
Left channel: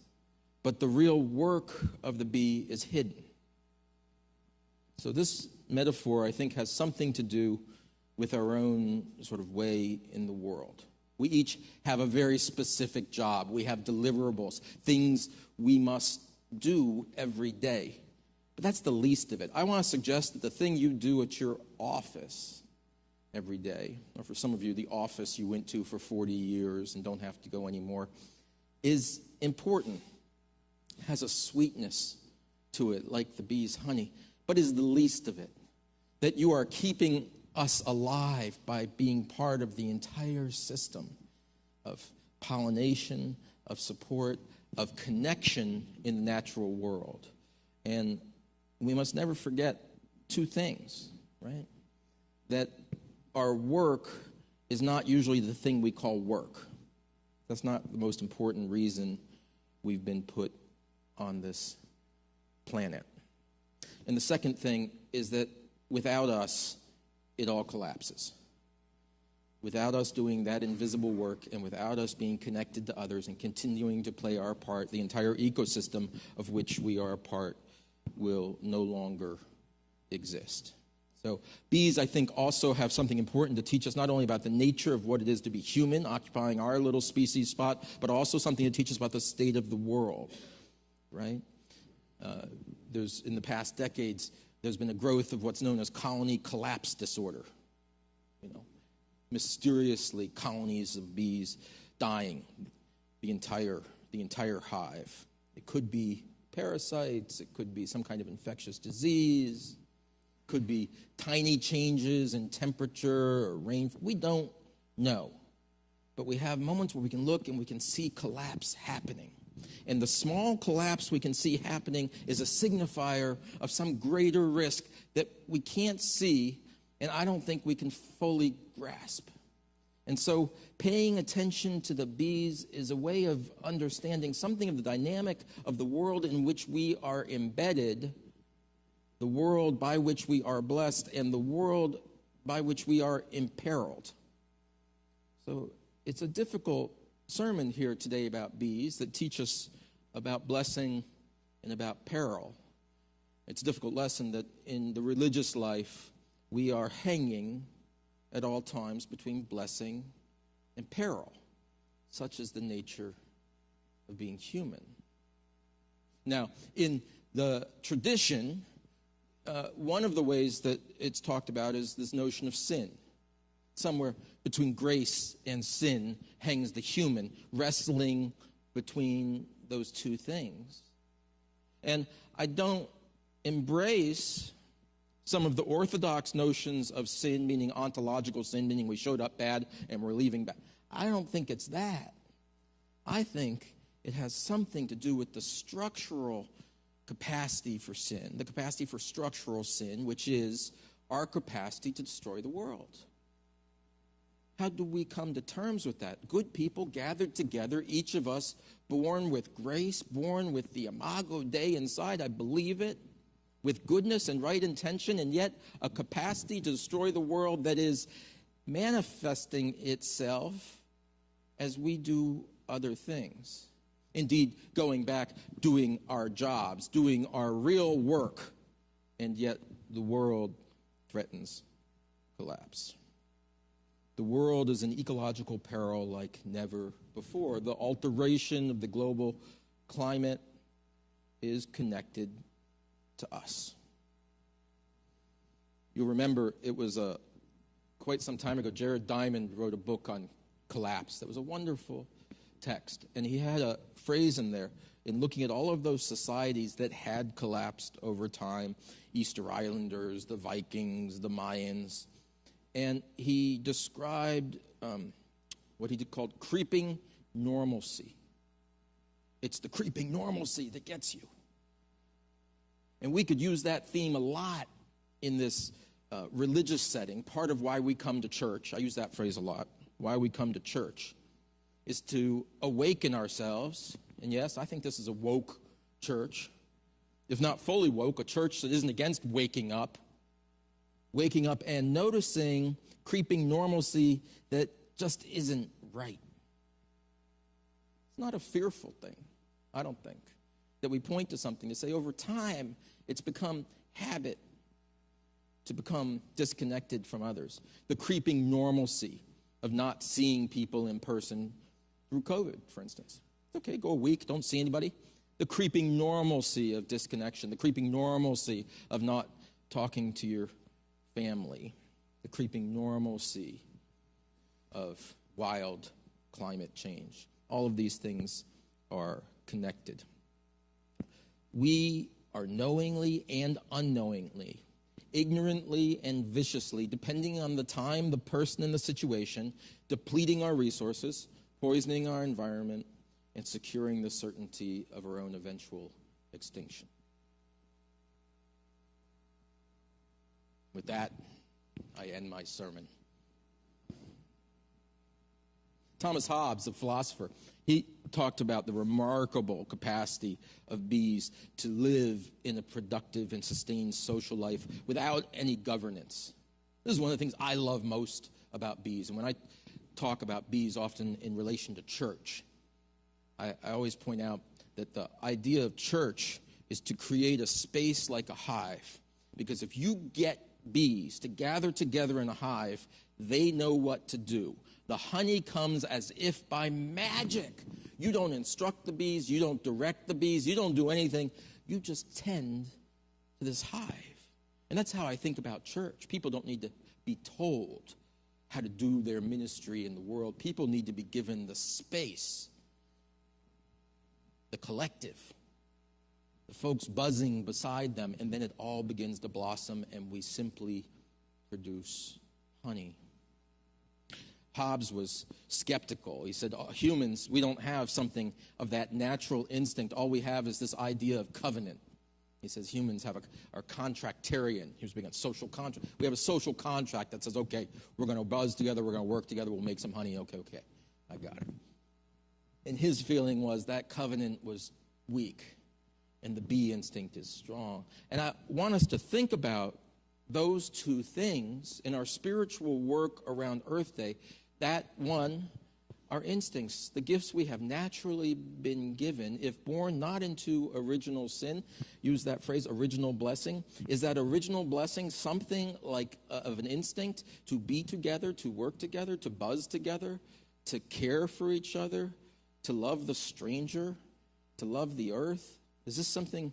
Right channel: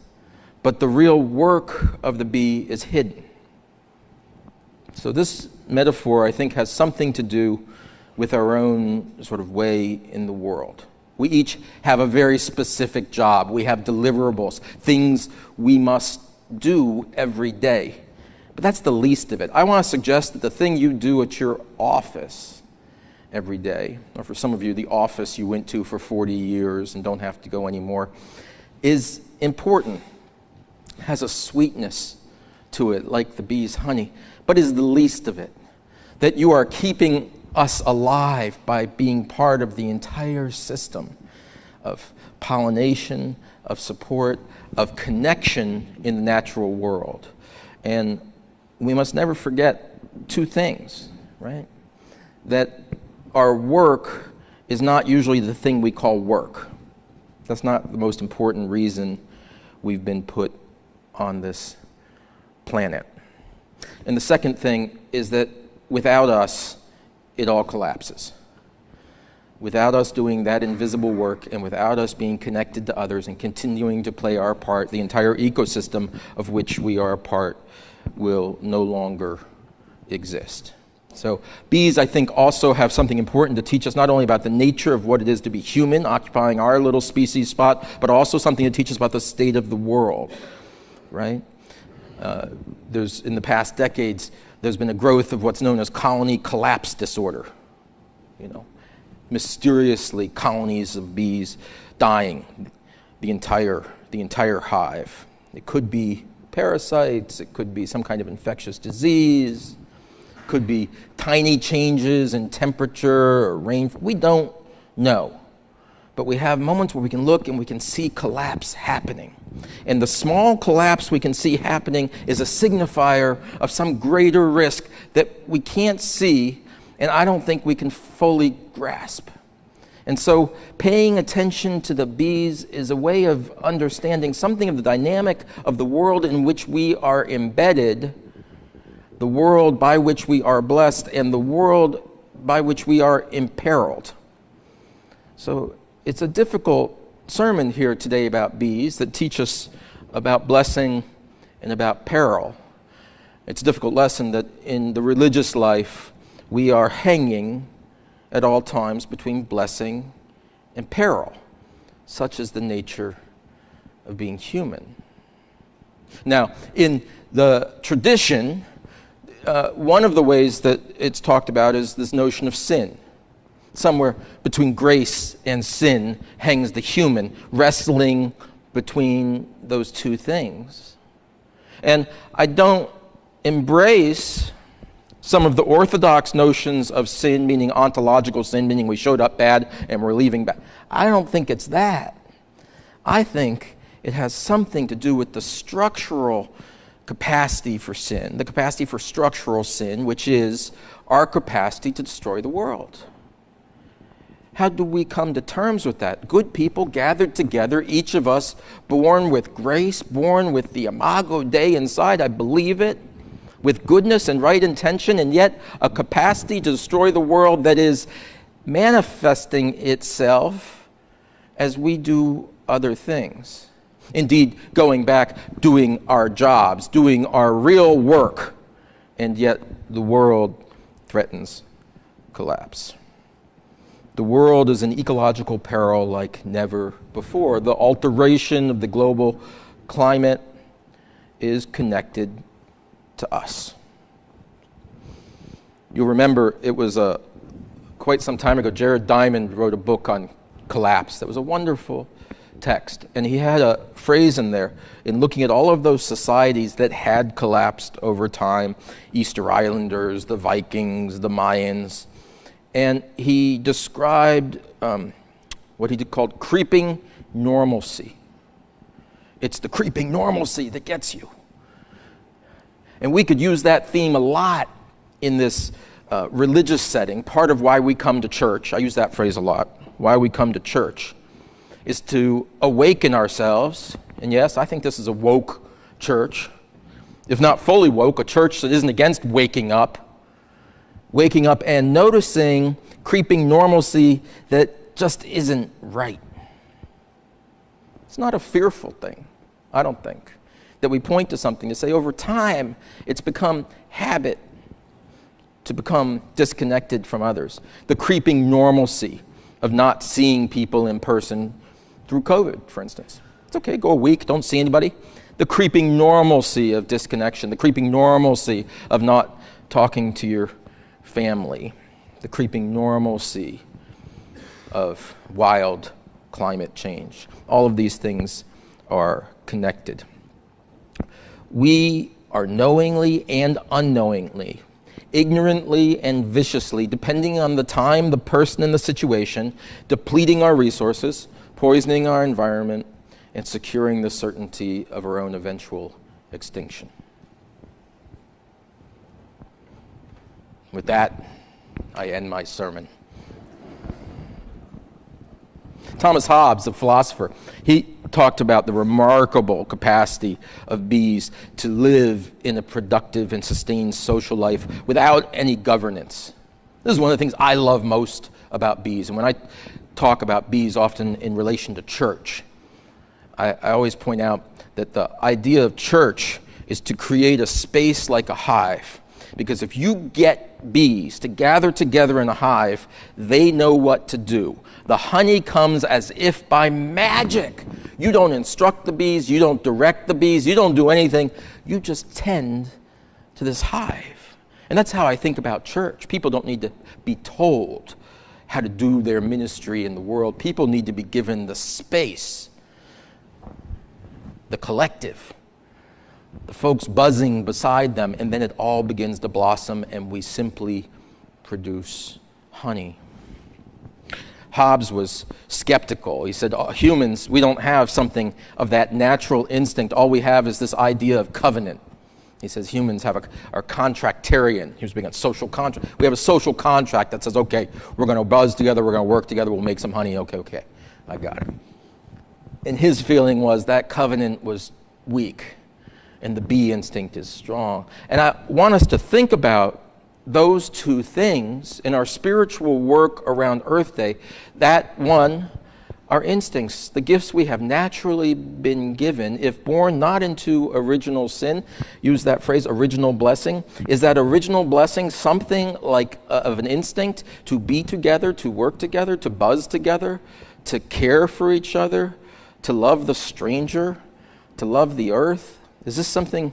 but the real work of the bee is hidden. So this metaphor, I think, has something to do with our own sort of way in the world. We each have a very specific job. We have deliverables, things we must do every day. But that's the least of it. I want to suggest that the thing you do at your office every day, or for some of you, the office you went to for 40 years and don't have to go anymore, is important, has a sweetness to it, like the bee's honey, but is the least of it. That you are keeping us alive by being part of the entire system of pollination, of support, of connection in the natural world. And we must never forget two things, right? That our work is not usually the thing we call work. That's not the most important reason we've been put on this planet. And the second thing is that without us, it all collapses. Without us doing that invisible work, and without us being connected to others and continuing to play our part, the entire ecosystem of which we are a part will no longer exist. So bees, I think, also have something important to teach us, not only about the nature of what it is to be human, occupying our little species spot, but also something to teach us about the state of the world, right? In the past decades, there's been a growth of what's known as colony collapse disorder. Mysteriously, colonies of bees dying, the entire hive. It could be parasites, it could be some kind of infectious disease, it could be tiny changes in temperature or rain. We don't know. But we have moments where we can look and we can see collapse happening. And the small collapse we can see happening is a signifier of some greater risk that we can't see, and I don't think we can fully grasp. And so paying attention to the bees is a way of understanding something of the dynamic of the world in which we are embedded, the world by which we are blessed, and the world by which we are imperiled. So it's a difficult sermon here today about bees that teach us about blessing and about peril. It's a difficult lesson that in the religious life, we are hanging at all times between blessing and peril. Such is the nature of being human. Now, in the tradition, one of the ways that it's talked about is this notion of sin. Somewhere between grace and sin hangs the human, wrestling between those two things. And I don't embrace some of the orthodox notions of sin, meaning ontological sin, meaning we showed up bad and we're leaving bad. I don't think it's that. I think it has something to do with the structural capacity for sin, the capacity for structural sin, which is our capacity to destroy the world. How do we come to terms with that? Good people gathered together, each of us born with grace, born with the imago Dei inside, I believe it, with goodness and right intention, and yet a capacity to destroy the world that is manifesting itself as we do other things. Indeed, going back, doing our jobs, doing our real work, and yet the world threatens collapse. The world is in ecological peril like never before. The alteration of the global climate is connected to us. You'll remember it was quite some time ago, Jared Diamond wrote a book on collapse that was a wonderful text. And he had a phrase in there in looking at all of those societies that had collapsed over time, Easter Islanders, the Vikings, the Mayans. And he described what he called creeping normalcy. It's the creeping normalcy that gets you. And we could use that theme a lot in this religious setting. Part of why we come to church, I use that phrase a lot, why we come to church, is to awaken ourselves. And yes, I think this is a woke church. If not fully woke, a church that isn't against waking up and noticing creeping normalcy that just isn't right. It's not a fearful thing, I don't think, that we point to something to say over time it's become habit to become disconnected from others. The creeping normalcy of not seeing people in person through COVID, for instance. It's okay, go a week, don't see anybody. The creeping normalcy of disconnection, the creeping normalcy of not talking to your family, the creeping normalcy of wild climate change. All of these things are connected. We are knowingly and unknowingly, ignorantly and viciously, depending on the time, the person, and the situation, depleting our resources, poisoning our environment, and securing the certainty of our own eventual extinction. With that, I end my sermon. Thomas Hobbes, the philosopher, he talked about the remarkable capacity of bees to live in a productive and sustained social life without any governance. This is one of the things I love most about bees. And when I talk about bees, often in relation to church, I always point out that the idea of church is to create a space like a hive. Because if you get bees to gather together in a hive, they know what to do. The honey comes as if by magic. You don't instruct the bees, you don't direct the bees, you don't do anything. You just tend to this hive. And that's how I think about church. People don't need to be told how to do their ministry in the world. People need to be given the space, the collective, the folks buzzing beside them, and then it all begins to blossom and we simply produce honey. Hobbes was skeptical. He said, humans, we don't have something of that natural instinct. All we have is this idea of covenant. He says humans are contractarian. He was being a social contract. We have a social contract that says, okay, we're going to buzz together, we're going to work together, we'll make some honey. Okay, I got it. And his feeling was that covenant was weak and the bee instinct is strong. And I want us to think about those two things in our spiritual work around Earth Day. That one, our instincts, the gifts we have naturally been given, if born not into original sin, use that phrase, original blessing. Is that original blessing something like of an instinct to be together, to work together, to buzz together, to care for each other, to love the stranger, to love the earth? Is this something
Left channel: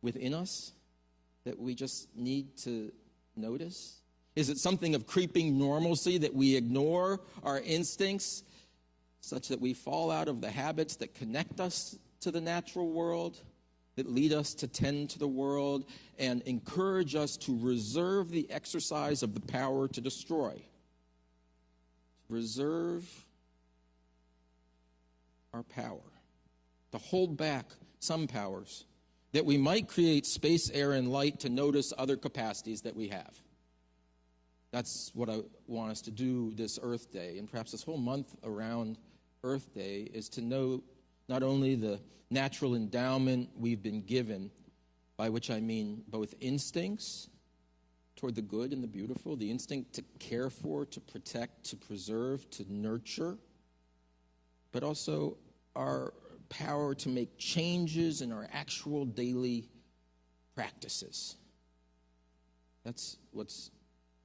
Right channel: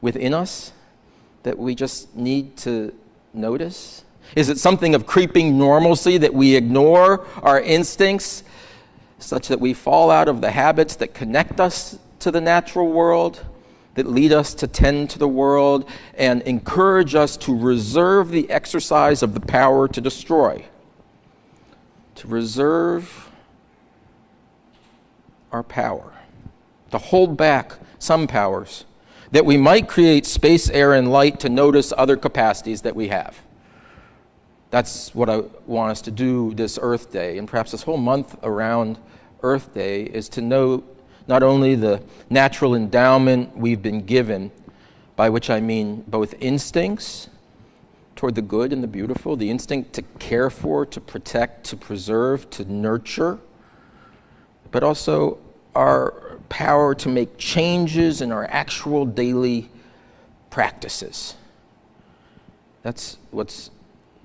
within us that we just need to notice? Is it something of creeping normalcy that we ignore our instincts such that we fall out of the habits that connect us to the natural world, that lead us to tend to the world, and encourage us to reserve the exercise of the power to destroy, to reserve our power, to hold back some powers, that we might create space, air, and light to notice other capacities that we have. That's what I want us to do this Earth Day, and perhaps this whole month around Earth Day, is to note not only the natural endowment we've been given, by which I mean both instincts toward the good and the beautiful, the instinct to care for, to protect, to preserve, to nurture, but also our power to make changes in our actual daily practices. That's what's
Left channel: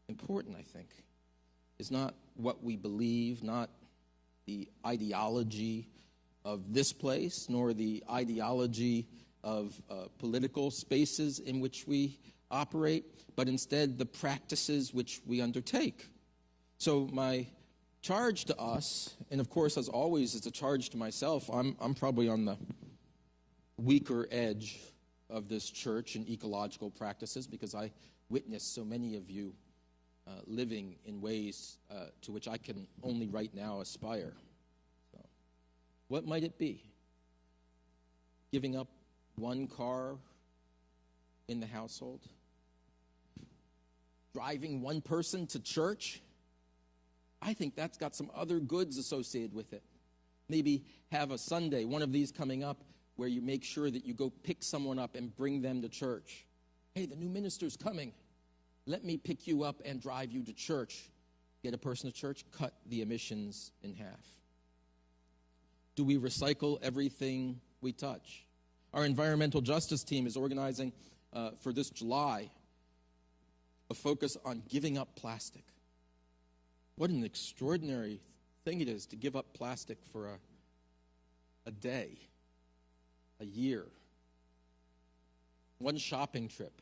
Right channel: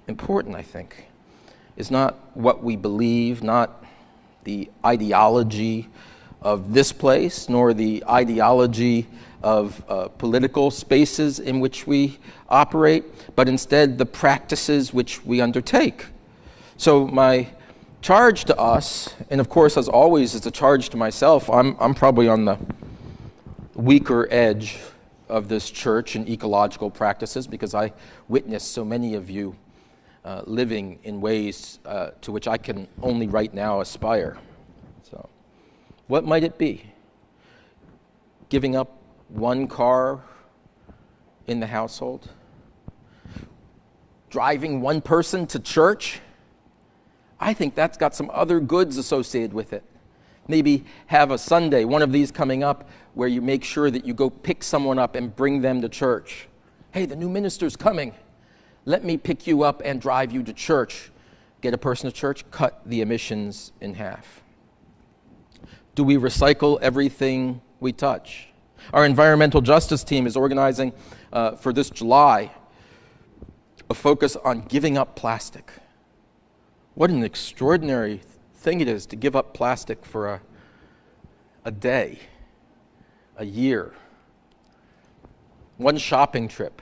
important, I think, is not what we believe, not the ideology of this place, nor the ideology of political spaces in which we operate, but instead the practices which we undertake. So my charge to us, and of course, as always, it's a charge to myself. I'm probably on the weaker edge of this church in ecological practices because I witness so many of you living in ways to which I can only right now aspire. So, what might it be? Giving up one car in the household? Driving one person to church? I think that's got some other goods associated with it. Maybe have a Sunday, one of these coming up, where you make sure that you go pick someone up and bring them to church. Hey, the new minister's coming. Let me pick you up and drive you to church. Get a person to church, cut the emissions in half. Do we recycle everything we touch? Our environmental justice team is organizing for this July a focus on giving up plastic. What an extraordinary thing it is to give up plastic for a day, a year, one shopping trip.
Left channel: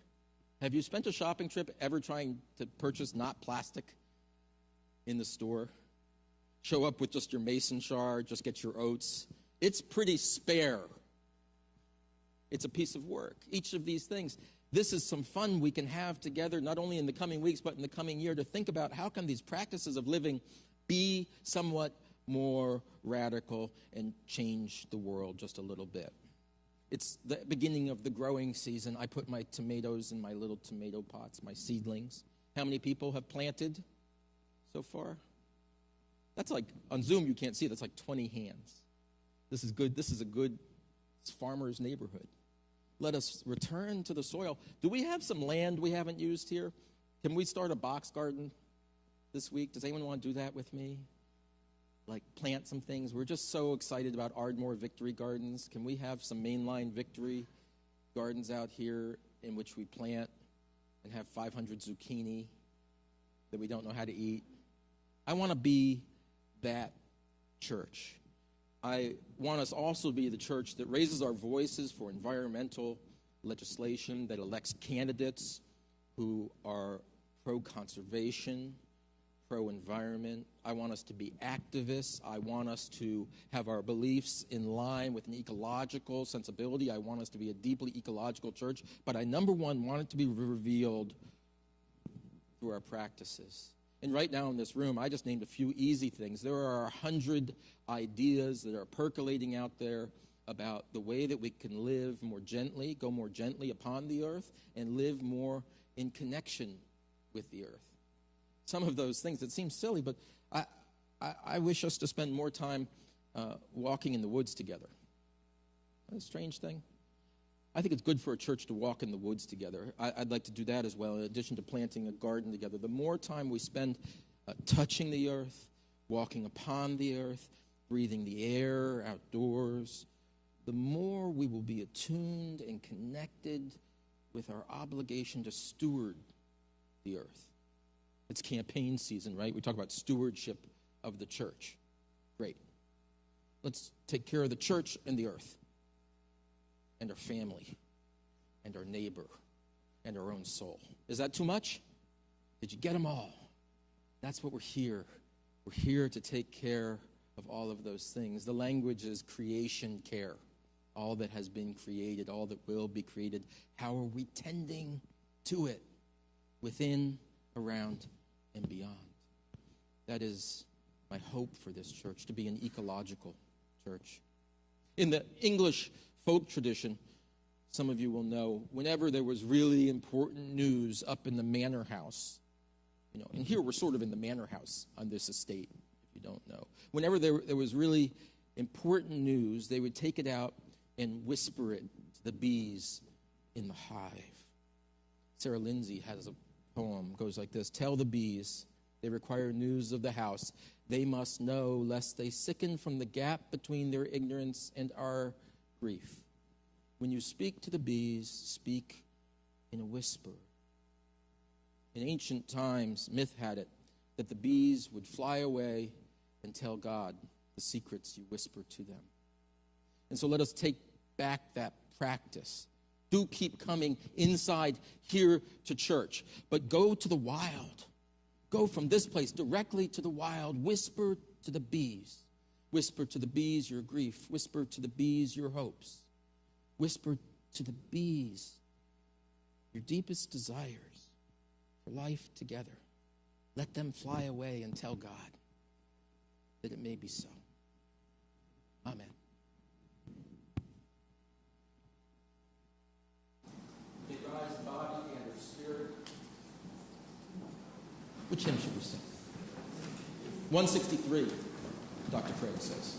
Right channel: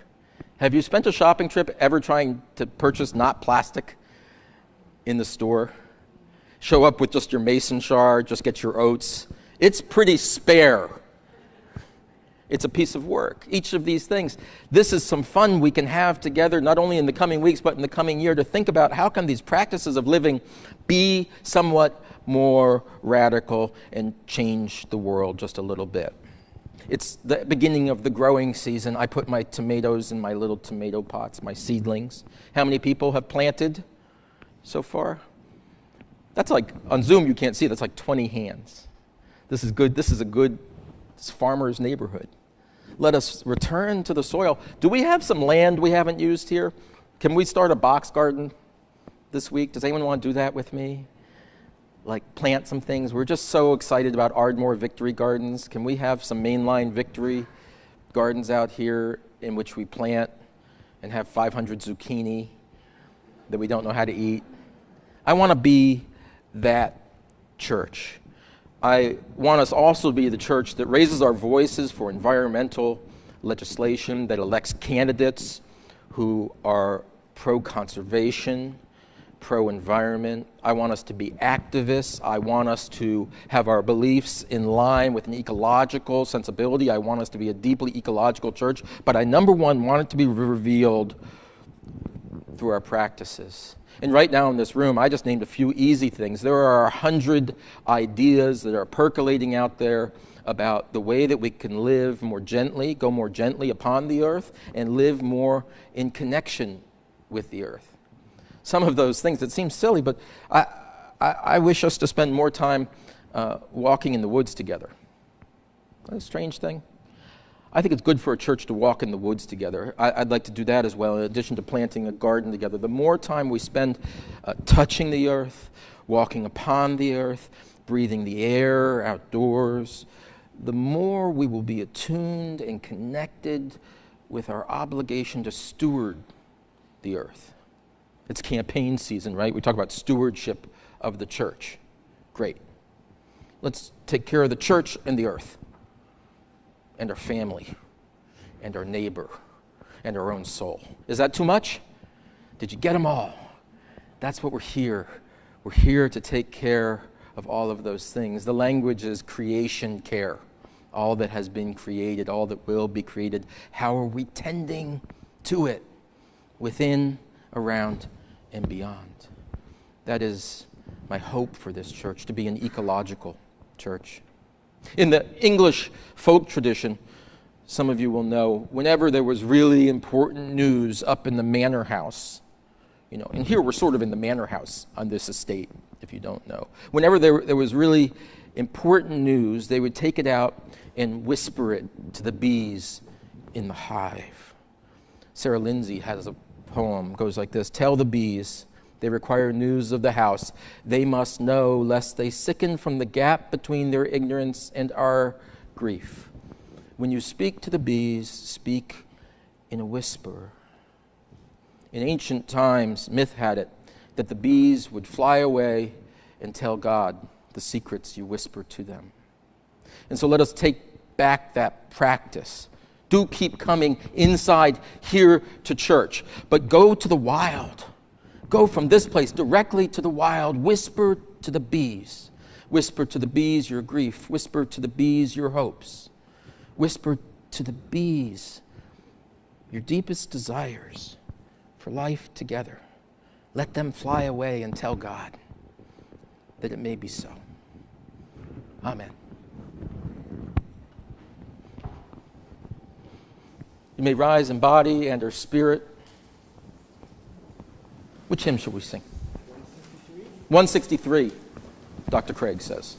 Have you spent a shopping trip ever trying to purchase not plastic in the store? Show up with just your mason jar, just get your oats. It's pretty spare. It's a piece of work. Each of these things. This is some fun we can have together, not only in the coming weeks, but in the coming year, to think about how can these practices of living be somewhat more radical and change the world just a little bit. It's the beginning of the growing season. I put my tomatoes in my little tomato pots, my seedlings. How many people have planted so far? That's like, on Zoom you can't see, that's like 20 hands. This is good. This is a good farmer's neighborhood. Let us return to the soil. Do we have some land we haven't used here? Can we start a box garden this week? Does anyone want to do that with me? Like plant some things. We're just so excited about Ardmore Victory Gardens. Can we have some mainline victory gardens out here in which we plant and have 500 zucchini that we don't know how to eat? I want to be that church. I want us also to be the church that raises our voices for environmental legislation, that elects candidates who are pro-conservation, pro-environment. I want us to be activists. I want us to have our beliefs in line with an ecological sensibility. I want us to be a deeply ecological church. But I, number one, want it to be revealed through our practices. And right now in this room, I just named a few easy things. There are 100 ideas that are percolating out there about the way that we can live more gently, go more gently upon the earth, and live more in connection with the earth. Some of those things that seem silly, but I wish us to spend more time walking in the woods together. Isn't that a strange thing? I think it's good for a church to walk in the woods together. I'd like to do that as well, in addition to planting a garden together. The more time we spend touching the earth, walking upon the earth, breathing the air outdoors, the more we will be attuned and connected with our obligation to steward the earth. It's campaign season, right? We talk about stewardship of the church. Great. Let's take care of the church and the earth, and our family, and our neighbor, and our own soul. Is that too much? Did you get them all? That's what we're here. We're here to take care of all of those things. The language is creation care. All that has been created, all that will be created. How are we tending to it within, around, and beyond? That is my hope for this church, to be an ecological church. In the English folk tradition, some of you will know, whenever there was really important news up in the manor house, and here we're sort of in the manor house on this estate, if you don't know. Whenever there was really important news, they would take it out and whisper it to the bees in the hive. Sarah Lindsay has a poem, goes like this: "Tell the bees they require news of the house. They must know, lest they sicken from the gap between their ignorance and our grief. When you speak to the bees, speak in a whisper." In ancient times, myth had it that the bees would fly away and tell God the secrets you whisper to them. And so let us take back that practice. Do keep coming inside here to church, but go to the wild. Go from this place directly to the wild. Whisper to the bees. Whisper to the bees your grief. Whisper to the bees your hopes. Whisper to the bees your deepest desires for life together. Let them fly away and tell God that it may be so. Amen. You may rise in body and or spirit. Which hymn should we sing? 163, Dr. Craig says.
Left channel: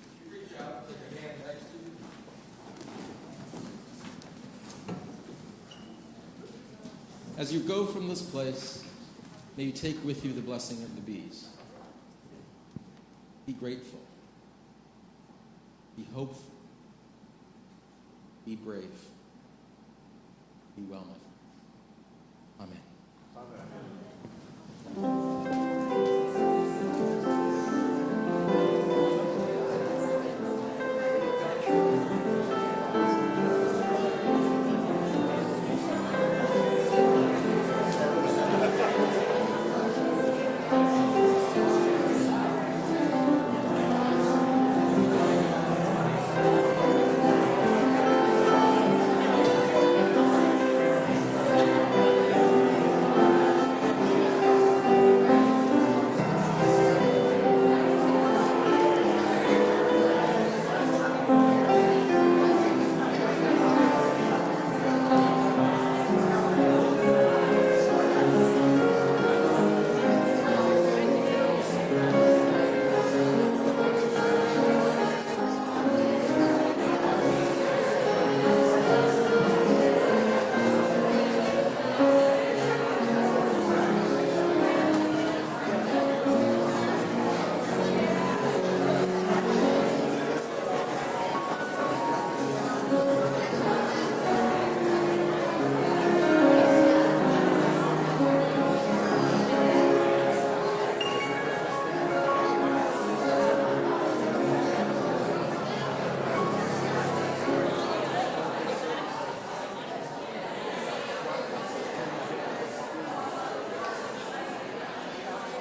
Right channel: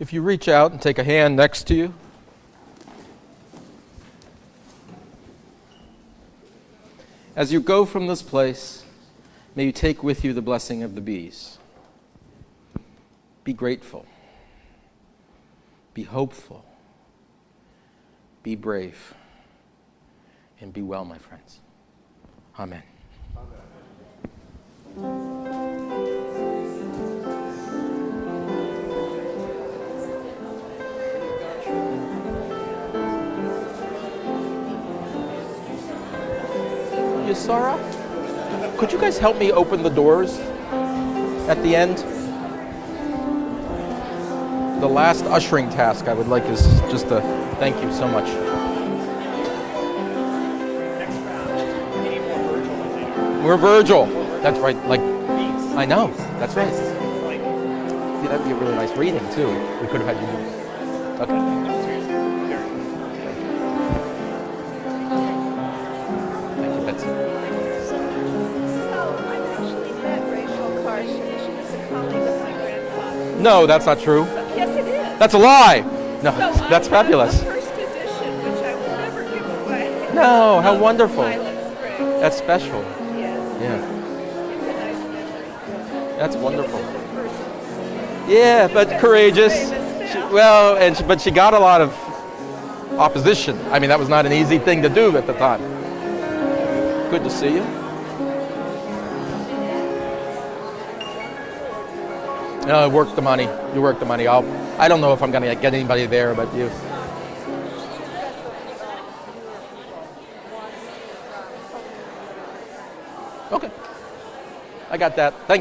If you reach out and take a hand next to you, as you go from this place, may you take with you the blessing of the bees. Be grateful. Be hopeful. Be brave. And be well, my friends. Amen. Could you guys help me open the doors at the end? last ushering task I would like is just to thank you so much. We're Virgil. That's right. Like, I know. That's right. That was a really nice breathing too. We could have had. No, that's not true. That's a lie. No, that's fabulous. No, how wonderful. That's special. Yeah. That's wonderful. Yeah, but courageous. Well, but she got a lot of opposition. I mean, that was not an easy thing to do at the time. Good to see you. No, work the money. You work the money. I don't know if I'm going to get anybody there, but you. Okay. I got that. Thank you.